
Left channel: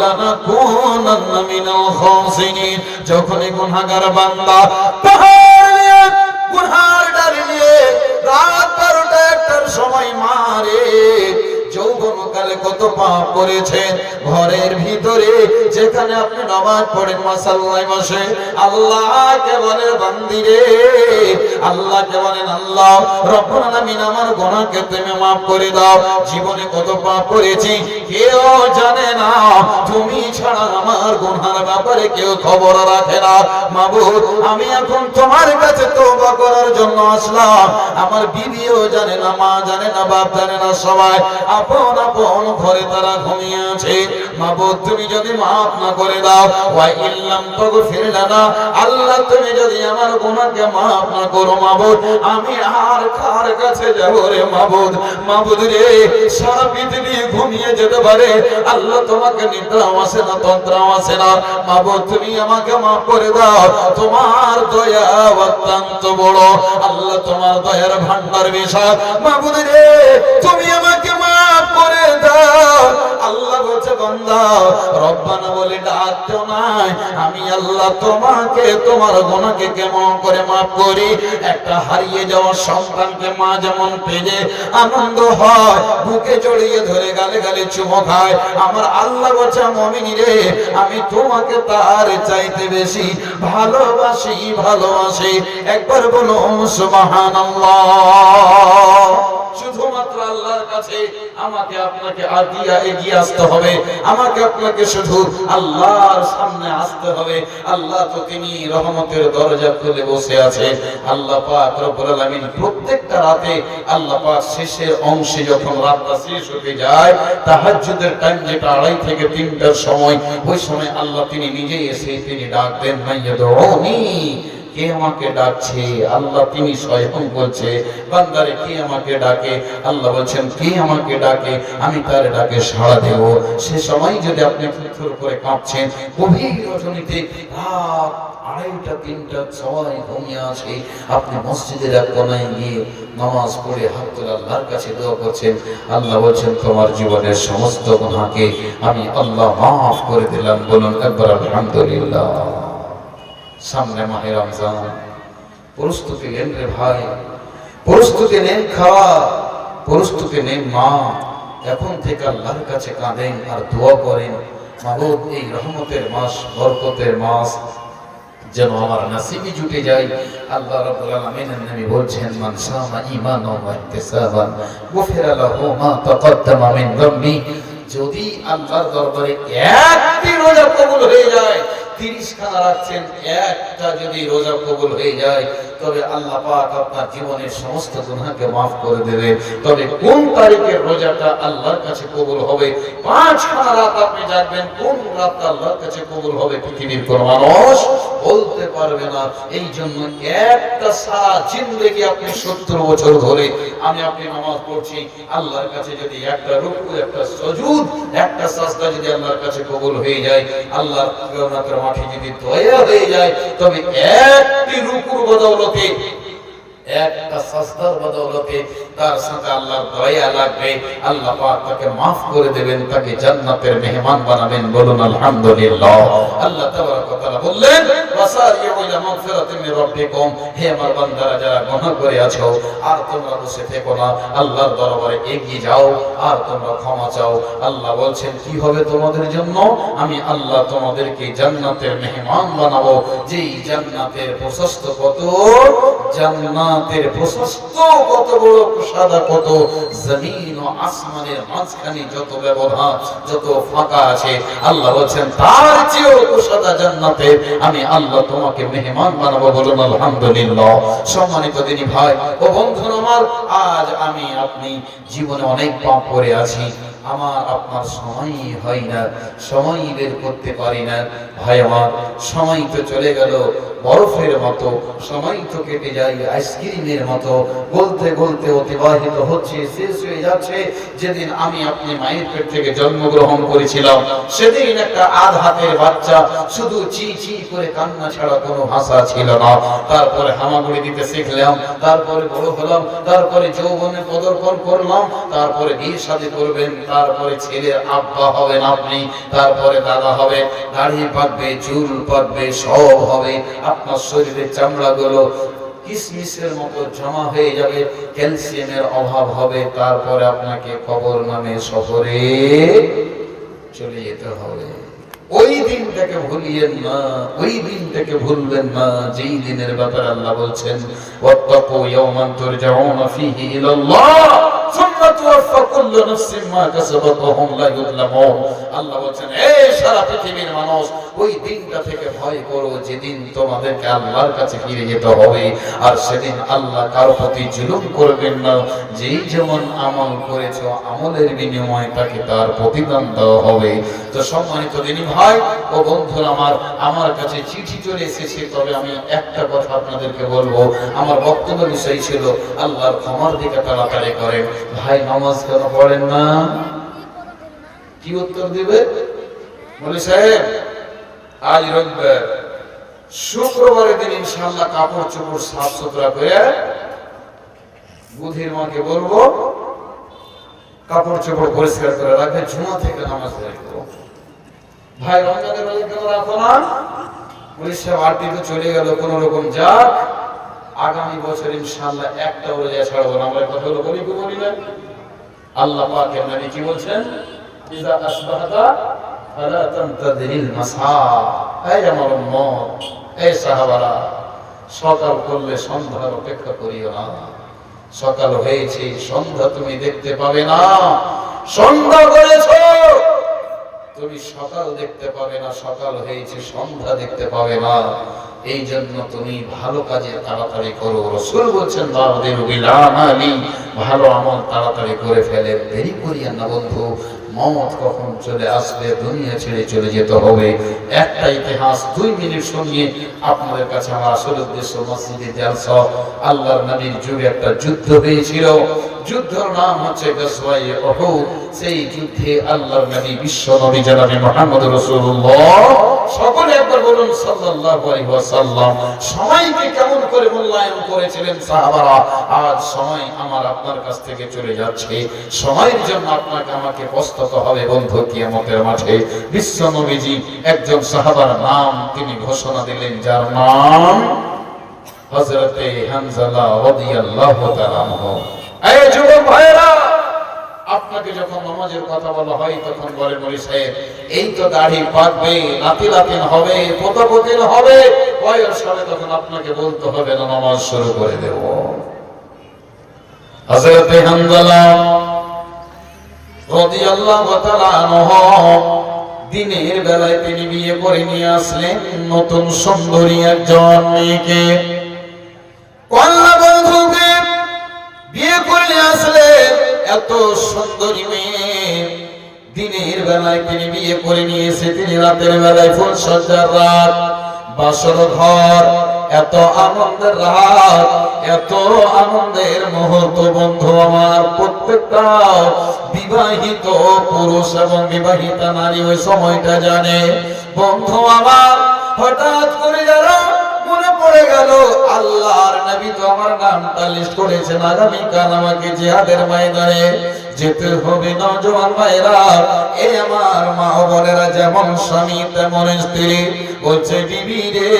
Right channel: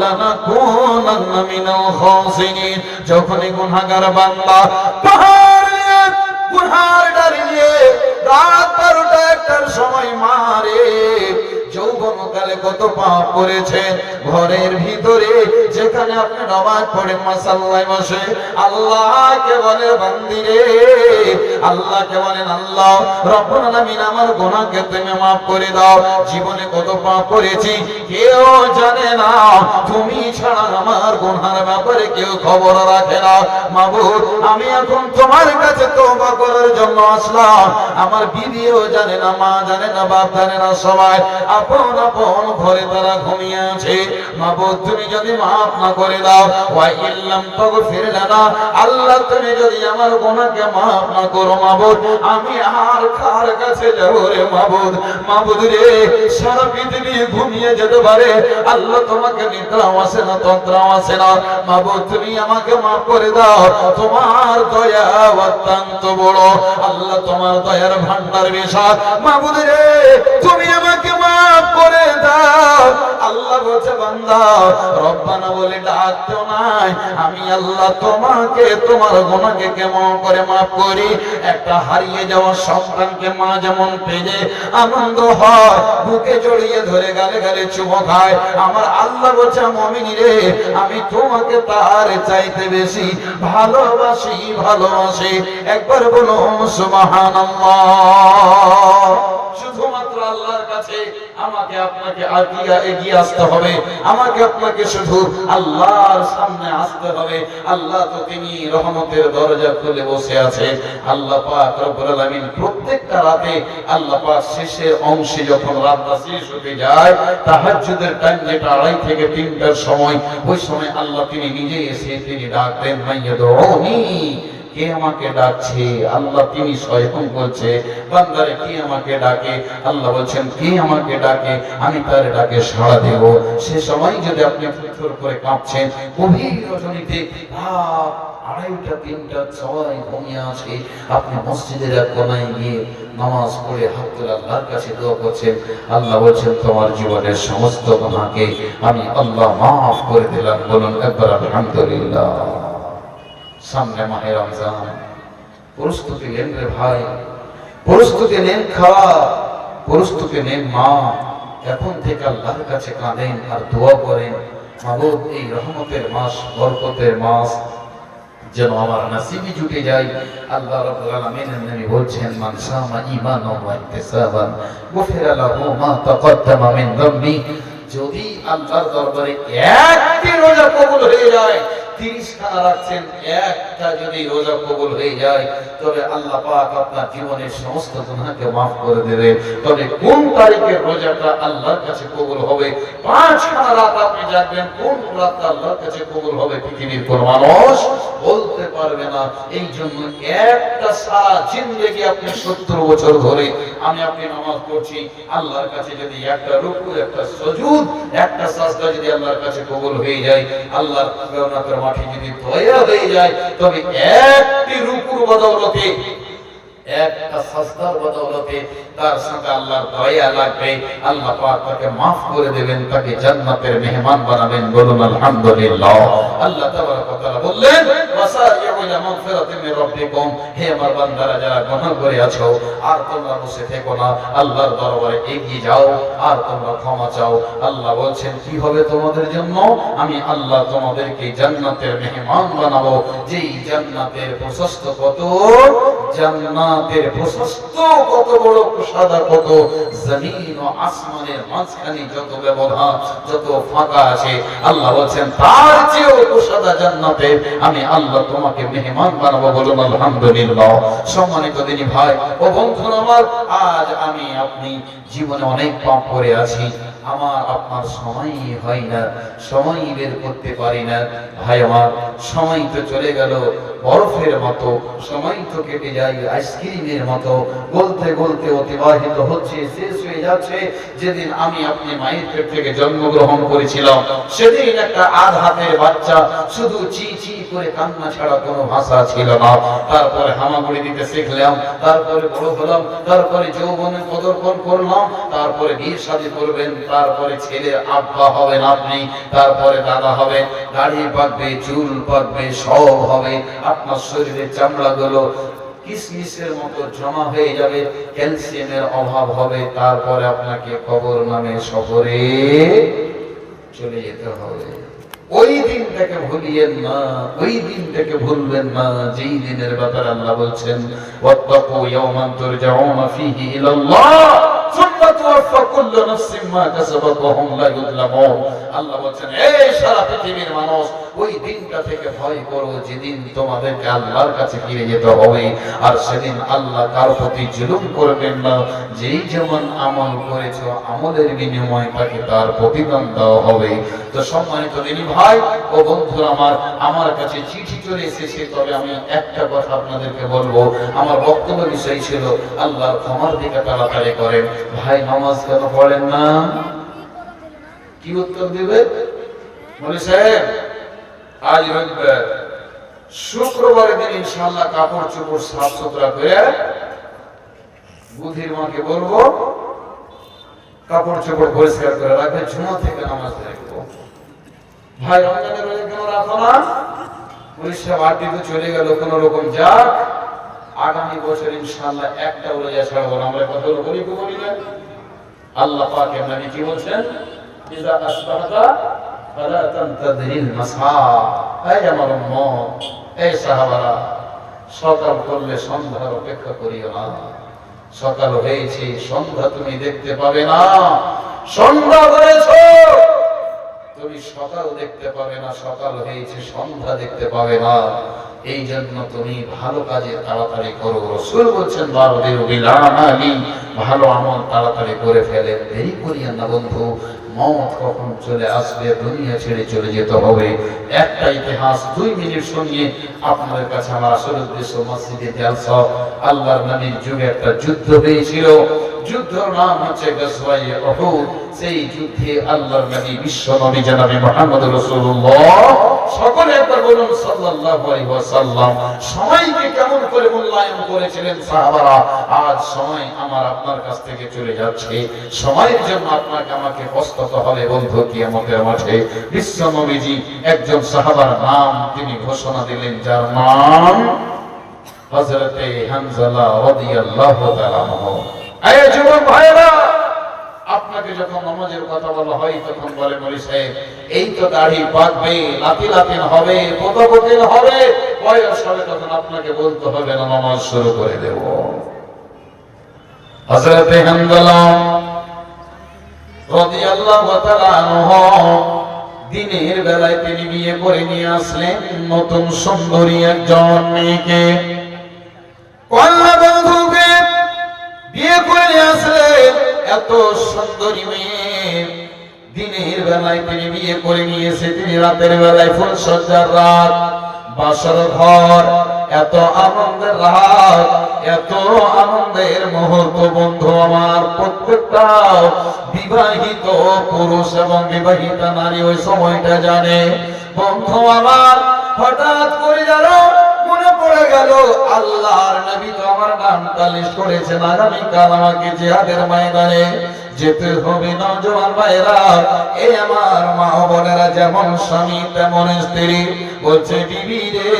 লানাকুনান্না মিনাল খাসিরিন। যখনই গুনাহগার বান্দা গুনার ডালিয়ে রাত 12টার সময় মারে, যৌবনকালে কত পাপ করেছে, ঘরের ভিতরে যেখানে আপনি নামাজ পড়েন মাসাল্লায় বসে আল্লাহকে বলে বান্দিরে, আল্লাহকে বলেন আল্লাহ রব্বুল আলামিন আমার গুনাহকে তুমি maaf করে দাও। জীবনে কত পাপ করেছি কেউ জানে না, তুমি ছাড়া আমার গুনাহের ব্যাপারে কেউ খবর রাখে না। মাবুদ আমি এখন তোমার কাছে তওবা করার জন্য আসলাম। আমার বিবিও জানে না, মা জানে না, বাপ জানে না, সবাই আপন আপন ঘরে তারা ঘুমিয়ে আছে। মাবুদ তুমি যদি maaf না করে দাও, ওয়া ইল্লাম তাগফির লানা, আল্লাহ তুমি যদি আমার গুনাহকে maaf না করো মাবুদ, আমি আর কার কাছে যাব রে মাবুদ? মাবুদ রে, সারা পৃথিবী ঘুমিয়ে যেতে পারে, আল্লাহ তোমাকে নিদ্রাও আসে না, তন্দ্রাও আসে না। মাবুদ তুমি আমাকে maaf করে দাও, তোমার দয়া অত্যন্ত বড়, আল্লাহ তোমার দয়ার ভান্ডার বিশাল। মাবুদ রে তুমি আমাকে maaf করে দাও। আল্লাহ বলছে বান্দা রব্বানা বলে ডাকতো নাই, আমি আল্লাহ তোমাকে তোমার গুনাহকে কেমন করে maaf করি। একটা হারিয়ে যাওয়া সন্তানকে মা যেমন পেয়ে আনন্দ হয়, বুকে জড়িয়ে ধরে গালে গালে চুমো খায়, আমার আল্লাহ বলছে মুমিন রে আমি তোমাকে তার চাইতে বেশি ভালোবাসি, ভালোবাসি। একবার বলো সুবহানাল্লাহ। শুধুমাত্র আল্লাহর কাছে আমাকে আপনাকে এগিয়ে আসতে হবে, আমাকে আপনাকে শুধু আল্লাহর সামনে আসতে হবে। আল্লাহ তো তিনি রহমতের দরজা খুলে বসে আছে। আল্লাহ পাক রব্বুল আলামিন প্রত্যেকটা রাতে আল্লাহ পাক শেষের অংশে যখন রাতটা শেষ হতে যায়, তাহাজ্জুদের টাইম যেটা 2:30 থেকে 3টার সময়, ওই সময় আল্লাহ তিনি নিজে এসে তিনি ডাক দেন, মাইয়াদউনি কে আমাকে ডাকছে? আল্লাহ তিনি স্বয়ং বলছে, বান্দারে কে আমাকে ডাকে? আল্লাহ বলছেন কে আমাকে ডাকে, আমি তার ডাকে সাড়া দেব। সে সময় যদি আপনি থরথর করে কাঁপছেন, গভীর রজনীতে রাত 2:30 3টা সবাই ঘুমিয়ে আছে, আপনি মসজিদের এক কোনায় গিয়ে নামাজ পড়ে হাত তুলে আল্লাহর কাছে দোয়া করছেন, আল্লাহ বলছেন তোমার জীবনের সমস্ত গুনাহকে আমি আল্লাহ মাফ করে দিলাম। বলুন একবার আলহামদুলিল্লাহ। সামনে মাহে রমজান, প্রস্তুতি নেন রে ভাই, প্রস্তুতি নেন খাওয়া, প্রস্তুতি নেন মা। এখন থেকে আল্লাহর কাছে কাঁদেন আর দোয়া করেন, মাবুদ এই রহমতের মাস, বরকতের মাস যেন আমার নসিবে জুটে যায়। আল্লাহ রাব্বুল আলামিন নবী বলছেন, মান সামা ঈমানান ওয়া ইহতিসাবান গুফিরা লাহু মা তাকাদ্দামা মিন যামবি। যদি আল্লাহর দরবারে একটি রোজা কবুল হয়ে যায়, 30 খানা রাখছেন, একটা যদি রোজা কবুল হয়ে যায়, তবে আল্লাহ পাক আপনার জীবনের সমস্ত গুনাহকে maaf করে দেবে। তবে কোন তারিখের রোজাটা আল্লাহর কাছে কবুল হবে, 5 খানা রাত আপনি জানবেন কোন রাতটা আল্লাহর কাছে কবুল হবে, পৃথিবীর কোন মানুষ বলতে পারবে না। এই জন্য একটা সারা জিন্দেগি আপনি 70 বছর ধরে আমি আপনি নামাজ পড়ছি, আল্লাহর কাছে যদি একটা রুকু, একটা সুজুদ, একটা সাজদা যদি আল্লাহর কাছে কবুল হয়ে যায়, আল্লাহর রহমতের মাঠে যদি দয়া হয়ে যায়, তবে একটি রুকুর বদৌলতে, একটা সাজদার বদৌলতে তার সাথে আল্লাহর দয়া লাগবে, আল্লাহ পাক তাকে maaf করে দেবেন, তাকে জান্নাতের মেহমান বানাবেন। বলুন আলহামদুলিল্লাহ। আল্লাহ তাবারক ওয়া তাআলা বললেন, ওয়াসারিউ ইলা মাগফিরাতিন মির রাব্বিকুম, হে আমার বান্দারা যারা গুনাহ করে আছো, আর তোমরা বসে থেকো না, আল্লাহর দরবারে এগিয়ে যাও আর তোমরা ক্ষমা চাও। আল্লাহ বলছেন কি হবে তোমাদের জন্য? আমি আল্লাহ তোমাদেরকে জান্নাতের মেহমান বানাবো। যেই জান্নাতের প্রশস্ত কত, জান্নাতের প্রশস্ত কত বড়, সাদা কত, জমিন ও আসমানের মাঝখানে যত ব্যবধান, যত ফাঁকা আছে, আল্লাহ বলছেন তার চেয়েও সাদা জান্নাতে আমি আল্লাহ তোমাকে মেহমান বানাবো। বলুন আলহামদুলিল্লাহ। সম্মানিত দিনী ভাই ও বন্ধুরা আমার, আজ আমি আপনি জীবনে অনেক পাপ করে আছি, আমার আপনার সময় হয় না, সময় বের করতে পারি না। ভাই আমার, সময় তো চলে গেল বরফের মতো, সময় তো কেটে যায় আইসক্রিমের মতো, গলতে গলতে অতিবাহিত হচ্ছে, শেষ হয়ে যাচ্ছে। যেদিন আমি আপনি মায়ের পেট থেকে জন্মগ্রহণ করেছিলাম, সেদিন একটা আধ হাতের বাচ্চা, শুধু চি চি করে কান্না ছাড়া কোনো ভাষা ছিল না। তারপরে হামাগুড়ি দিতে শিখলাম, তারপরে বড় হলাম, তারপরে যৌবনে পদার্পণ করলাম, তারপরে বিয়ে শাদী করবেন, তারপরে ছেলের আব্বা হবেন আপনি, তারপরে দাদা হবে, দাড়ি পাকবে, চুল পাকবে, সব হবে, আপনার শরীরের চামড়াগুলো কিসমিসের মতো জমা হয়ে যাবে, ক্যালসিয়ামের অভাব হবে, তারপরে আপনাকে কবর নামে সফরে চলে যেতে হবে। ওই দিনটাকে ভুলিয়েন না, ওই দিনটাকে ভুলবেন না, যেই দিনের ব্যাপারে আল্লাহ বলছেন, ওয়াত্তাকু ইয়াওমান তুরজাউনা ফীহি ইলাল্লাহ সুম্মা তুওয়াফা কুল্লু নাফসিন মা কাসাবাত ওয়া হুম লা ইউযলামুন। আল্লাহ বলছেন, এই সারা পৃথিবীর মানুষ, ওই দিনটা থেকে ভয় করো যেদিন তোমাদেরকে আল্লাহর কাছে ফিরে যেতে হবে। আর সেদিন আল্লাহ কার প্রতি জুলুম করবেন না, যেই যেমন আমল করেছো আমলের বিনিময়ে তাকে তার প্রতিদান দেওয়া হবে। তো সম্মানিত দিনী ভাই ও বন্ধুরা আমার, আমার কাছে চিঠি চলে এসেছে, তবে আমি একটা কথা আপনাদেরকে বলবো। আমার বক্তব্য বিষয় ছিল আল্লাহর ক্ষমার দিকে তাড়াতাড়ি করেন। ভাই নামাজ কেন পড়েন না? কি উত্তর দিবে? বলে সাহেব আজ রবিবার, শুক্রবারের দিন ইনশাআল্লাহ কাপড় চোপড় সাফ সুতরা করে বুধির মাকে বলবো কাপড় চোপড় পরিষ্কার করে রাখবে, জুমা থেকে নামাজ পড়বো। ভাই রমজানের রোজা কেন রাখো না? পুলিশ সাহেব 8 দিন তো চলে গেল, কোন রকম যাক, আগামী বছর ইনশাআল্লাহ একটা রোজা ছাড়বো না। আমরা কথা বলি না, আল্লাহ পাকের নবী কি বলছেন, ইযা আসবাহতা ফালা তানতাযিরিল মাসা। এই আমার উম্মত, এই সাহাবারা, সকাল করলে সন্ধ্যার অপেক্ষা করিও না। সকাল হয়েছে, সন্ধ্যা তুমি দেখতে পাবে না। সন্ধ্যা করেছো, তুমি সকাল দেখতে পাবে না, সকাল হয়েছে সন্ধ্যা দেখতে পাবে না। এই জন্য তুমি ভালো কাজে তাড়াতাড়ি করো। রাসূল বলছেন বাদিরু বিল আমালি, ভালো আমল তাড়াতাড়ি করে ফেলে, দেরি করিয়েন না বন্ধু। মওত কখন চলে আসবে, দুনিয়া ছেড়ে চলে যেতে হবে। একটা ইতিহাস 2 মিনিট শুনিয়ে আপনাদের কাছে আমার আসল উদ্দেশ্য মসজিদে জালসা। আল্লাহর নবীর যুগে একটা যুদ্ধ হয়েছিল, যুদ্ধের নাম হচ্ছে গাজওয়ায়ে উহুদ। সেই যুদ্ধে আল্লাহর নবী বিশ্ব নবী জনাবে মুহাম্মদ রাসূলুল্লাহ, সকলে একবার বলুন সাল্লাল্লাহু আলাইহি ওয়াসাল্লাম, সময়কে কেমন করে মূল্যায়ন করেছিলেন সাহাবারা। আজ সময় আমার আপনার কাছ থেকে চলে যাচ্ছে, সময়ের জন্য আপনাকে আমাকে প্রস্তুত হবে বন্ধু কিয়ামতের মাঠে। বিশ্ব নবীজি একজন সাহাবার নাম তিনি ঘোষণা দিলেন, যার নাম হযরতে হামজালা রাদিয়াল্লাহু তাআলা আনহু। এই যুবক ভাইরা, আপনাকে যখন নামাজের কথা বলা হয় তখন বলে মরি সাহেব এই তো দাড়ি পাকবে, লাতি লাতিন হবে, পোতাপতিন হবে, বয়স হবে, তখন আপনাকে বলতে হবে না নামাজ শুরু করে দেব। হযরতে হামজালা রাদিয়াল্লাহু তাআলা আনহু দিনের বেলায় তিনি বিয়ে করে নিয়ে আসলেন নতুন সুন্দরী একজন মেয়েকে। কন্যা বন্ধুকে বিয়ে করে আসলেন, এত সুন্দরী মেয়ে। দিনের বেলায় তিনি বিয়ে করে নিয়ে এসে তিনি রাতের বেলায় ফুলসজ্জার রাত, বাসর ঘর, এত আনন্দের রাত, এত আনন্দের মুহূর্ত বন্ধু আমার। প্রত্যেকটা বিবাহিত পুরুষ এবং বিবাহিতা নারী ওই সময়টা জানে বন্ধু আমার। হঠাৎ করে যারা মনে পড়ে গেল আল্লাহর নবী তো আমার নামটা লিস্ট করেছেন, আগামীকাল আমাকে জিহাদের ময়দানে যেতে হবে। নওজোয়ান ভাইরা, এ আমার মা বোনেরা, যেমন স্বামী তেমন স্ত্রী। বলছে বিবি রে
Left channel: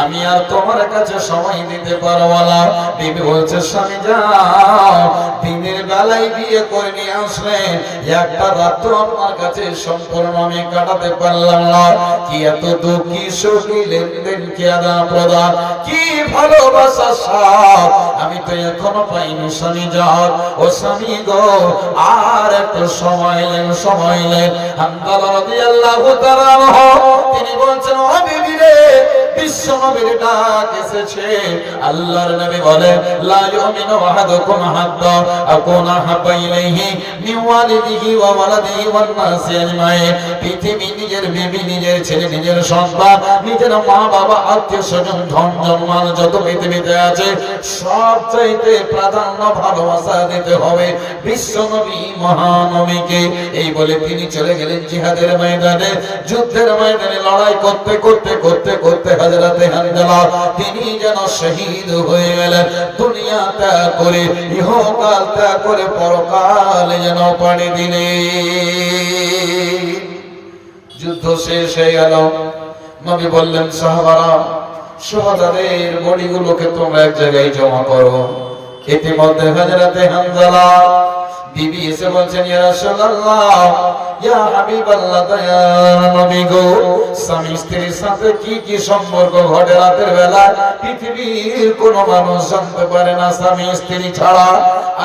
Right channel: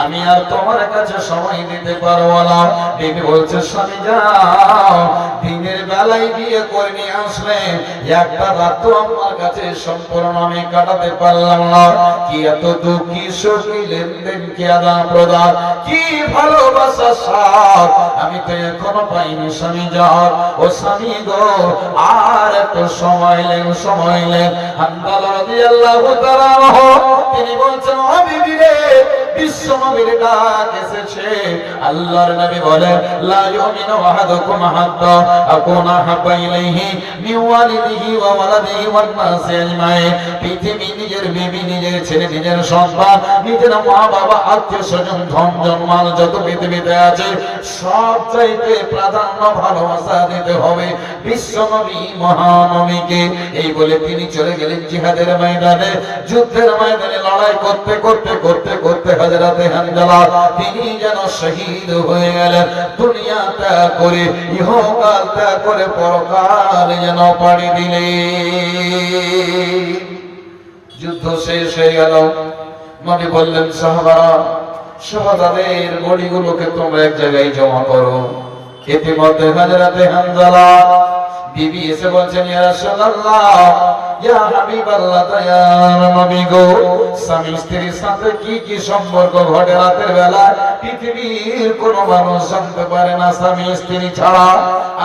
আমি আর তোমার কাছে সময় দিতে পারবো না। বিবি বলছে স্বামী যাও, দিনের বেলায় বিয়ে করে নিয়ে আসলেন, একটা রাত তো আপনার কাছে সম্পূর্ণ আমি কাটাতে পারলাম না। কি এত দুঃখী সুখী লেনদেন, কি আদান প্রদান, কি ভালোবাসা সব আমি তো এখনো পাইনি। স্বামী যাও, ও স্বামী গো আর একটু সময় নেন, সময় নেন। হামজালা রাদিয়াল্লাহু তাআলা আনহু তিনি বলছেন ও বিবি রে, বিশ্ব নবীর ডাক এসেছে। আল্লাহর নবী বলেন লা ইউমিনু আহাদুকুম হাত্তা আকুনা হাব্বা ইলাইহি মিন ওয়ালিদিহি ওয়া ওয়ালাদিহি ওয়ান নাসি আজমাইন। পৃথিবী নিজের বিবি, নিজের ছেলে, নিজের সন্তান, নিজের মা বাবা, আত্মীয় স্বজন, ধন জনমান যত পৃথিবীতে আছে সব চাইতে প্রাধান্য ভালোবাসা দিতে হবে বিশ্ব নবী মহানবীকে। এই বলে তিনি চলে গেলেন জিহাদের ময়দানে, যুদ্ধের ময়দানে লড়াই করতে করতে করতে করতে হযরতে হামজালা তিনি যেন শহীদ হয়ে গেলেন। দুনিয়া ত্যাগ করে, ইহকাল ত্যাগ করে পরকাল যেন পাড়ি দিলেন। যুদ্ধ শেষ হয়ে গেল। নবী বললেন সাহাবারা, শহীদের বডিগুলোকে তোমরা এক জায়গায় জমা করো। ইতিমধ্যে হযরতে হামজালা বিবি এসে বলছেন ইয়া রাসূলুল্লাহ, ইয়া হাবিবাল্লাহ, দয়ার নবী গো, স্বামী স্ত্রীর সাথে কি কি সম্পর্ক ঘটে রাতের বেলা পৃথিবীর কোন মানুষ জানতে পারে না স্বামী স্ত্রী ছাড়া।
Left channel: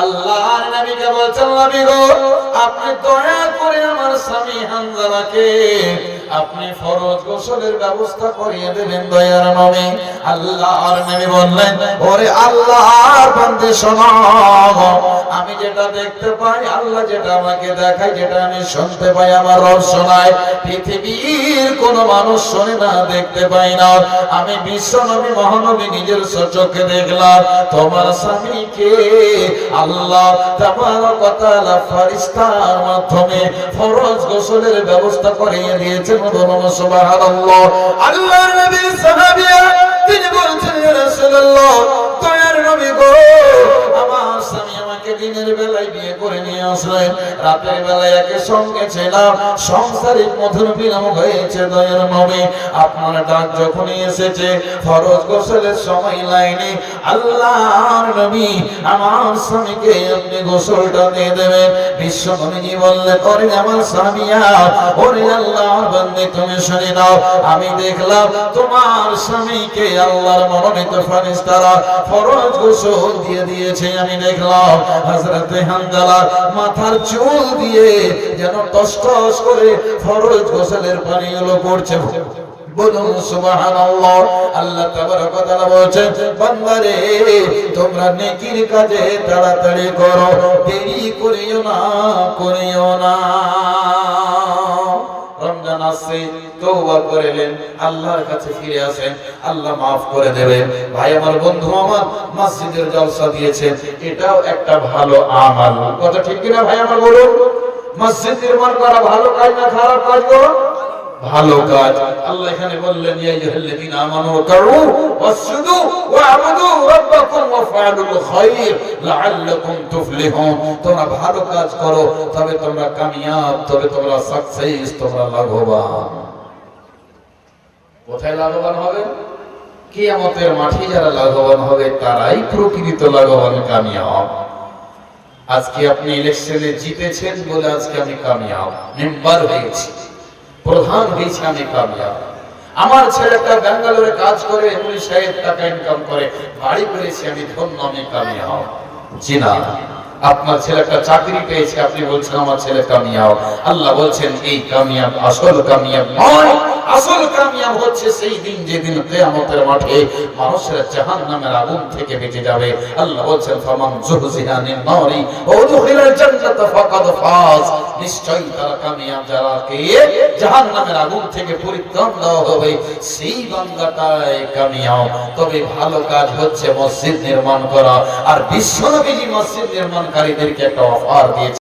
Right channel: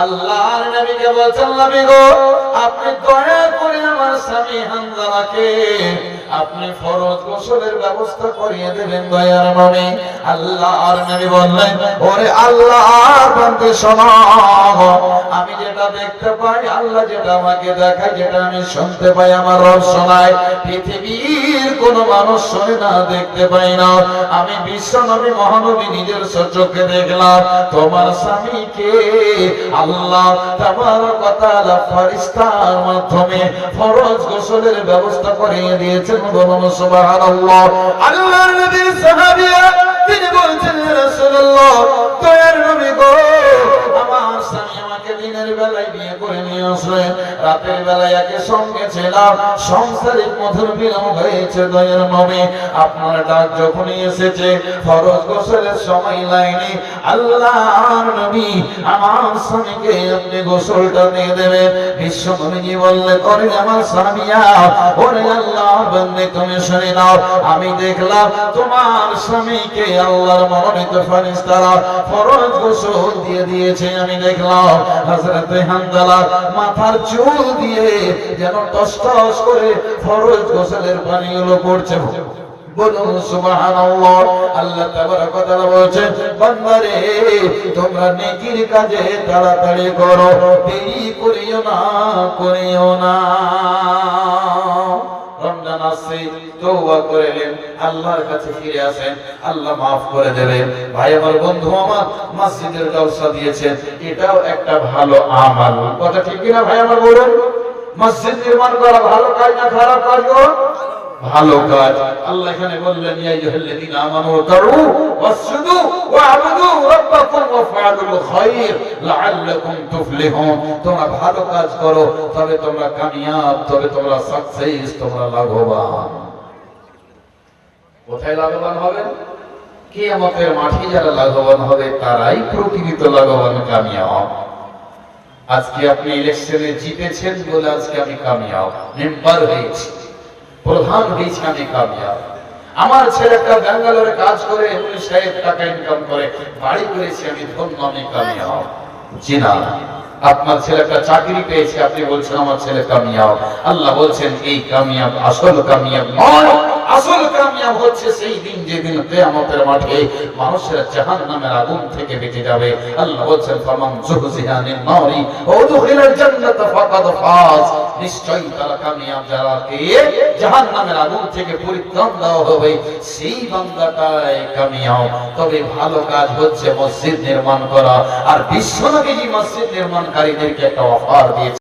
আল্লাহর নবীকে বলছেন নবী গো, আপনি দয়া করে আমার স্বামী হামজালাকে আপনি ফরজ গোসলের ব্যবস্থা করিয়ে দেবেন দয়ার নবী। আল্লাহর নবী বললেন ওরে আল্লাহর বান্দা শোনো, আমি যেটা দেখতে পাই, আল্লাহ যেটা আমাকে দেখায়, যেটা আমি শুনতে পাই, আমার রব শোনায়, পৃথিবীর কোন মানুষ শোনে না, দেখতে পাই না। আমি বিশ্ব নবী মহানবী নিজের চোখে দেখলাম তোমার স্বামীকে আল্লাহ তাবারক ওয়া তাআলা ফেরেশতার মাধ্যমে ফরজ গোসলের ব্যবস্থা করিয়ে দিয়েছেন। বলুন সুবহানাল্লাহ। আল্লাহর নবীর সাহাবীরা তিনি বলছেন ইয়া রাসূলুল্লাহ, দয়ার নবী গো, আমার স্বামী আমাকে দিনের বেলায় বিয়ে করে নিয়ে আসলেন, রাতের বেলায় একে সঙ্গে ছিলাম, সংসারিক মধুর মিলন হয়েছে দয়ার নবী। আপনার ডাক যখনই এসেছে ফরজ গোসলের সময় লাগেনি, আল্লাহর নবী আমার স্বামীকে আপনি গোসলটা দিয়ে দেবেন। বিশ্ব নবীজি বললেন ওরে আমার স্বামীয়া, ওরে আল্লাহর বান্দা তুমি শুনে নাও, আমি দেখলাম তোমার স্বামীকে আল্লাহর মনোনীত ফেরেশতারা ফরজ গোসল দিয়ে দিয়েছে। আমি দেখলাম হযরতে হামজালা মাথার চুল দিয়ে যেন টস টস করে ফরজ গোসলের পানিগুলো পড়ছে। বলুন সুবহানাল্লাহ। আল্লাহ তাবারক ওয়া তাআলা বলেন, বান্দারে তোমরা নেকির কাজে তাড়াতাড়ি করো, দেরি করিও না। রমজান আসছে, তওবা করলেন, আল্লাহর কাছে ফিরে আসেন, আল্লাহ maaf করে দেবেন। ভাই আমার, বন্ধু আমার, মসজিদের জলসা দিয়েছেন, এটাও একটা ভালো আমাল। কথা ঠিক কি না ভাই আমার, বলুন? মসজিদ নির্মাণ করা ভালো কাজ না খারাপ কাজ? ভালো কাজ। আল্লাহ এখানে বললেন, ইয়া আইয়ুহাল্লাযীনা আমানু রুকউ ওয়াসজুদু ওয়া'বুদু রাব্বাকুম ওয়াফআলুল খায়র লাআল্লাকুম তুফলিহুন। তোমরা ভালো কাজ করো, তবে তোমরা কামিয়াব, তবে তোমরা সাকসেস, তোমরা লাভবান। কোথায় লাভবান হবে? কিয়ামতের মাঠে যারা লাভবান হবে তারাই প্রকৃত লাভবান, কামিয়াব। আজকে আপনি ইলেকশনে জিতেছেন বলে আজকে আমি কামিয়াব, মেম্বার হয়েছি, প্রধান হয়েছে, আমি কামিয়াব। আমার ছেলেটা ব্যাঙ্গালোরে কাজ করে 19,000 টাকা ইনকাম করে বাড়ি করেছে, আমি ধন্য, আমি কামিয়াব। জি না, আপনার ছেলেটা চাকরি পেয়েছে, আপনি বলছেন আমার ছেলে কামিয়াব। আল্লাহ বলছেন এই কামিয়াব আসল কামিয়াব নয়। আসল কামিয়াব হচ্ছে সেই দিন যেদিন কিয়ামতের মাঠে মানুষেরা জাহান্নামের আগুন থেকে বেঁচে যাবে। আল্লাহ বলছেন, ফামান যুহজিহা আনিন নারি ওয়া উদখিলাল জান্নাতা ফাকাদ ফাজ। নিশ্চয়ই তারা কামিয়াব, যারাকে জাহান্নামের আগুন থেকে পরিত্রাণ দেওয়া হবে, সেই বান্দাটাই কামিয়াব। তবে ভালো কাজ হচ্ছে মসজিদ নির্মাণ করা। আর বিশ্বনবী মসজিদ নির্মাণকারীদেরকে একটা অফার দিয়েছে।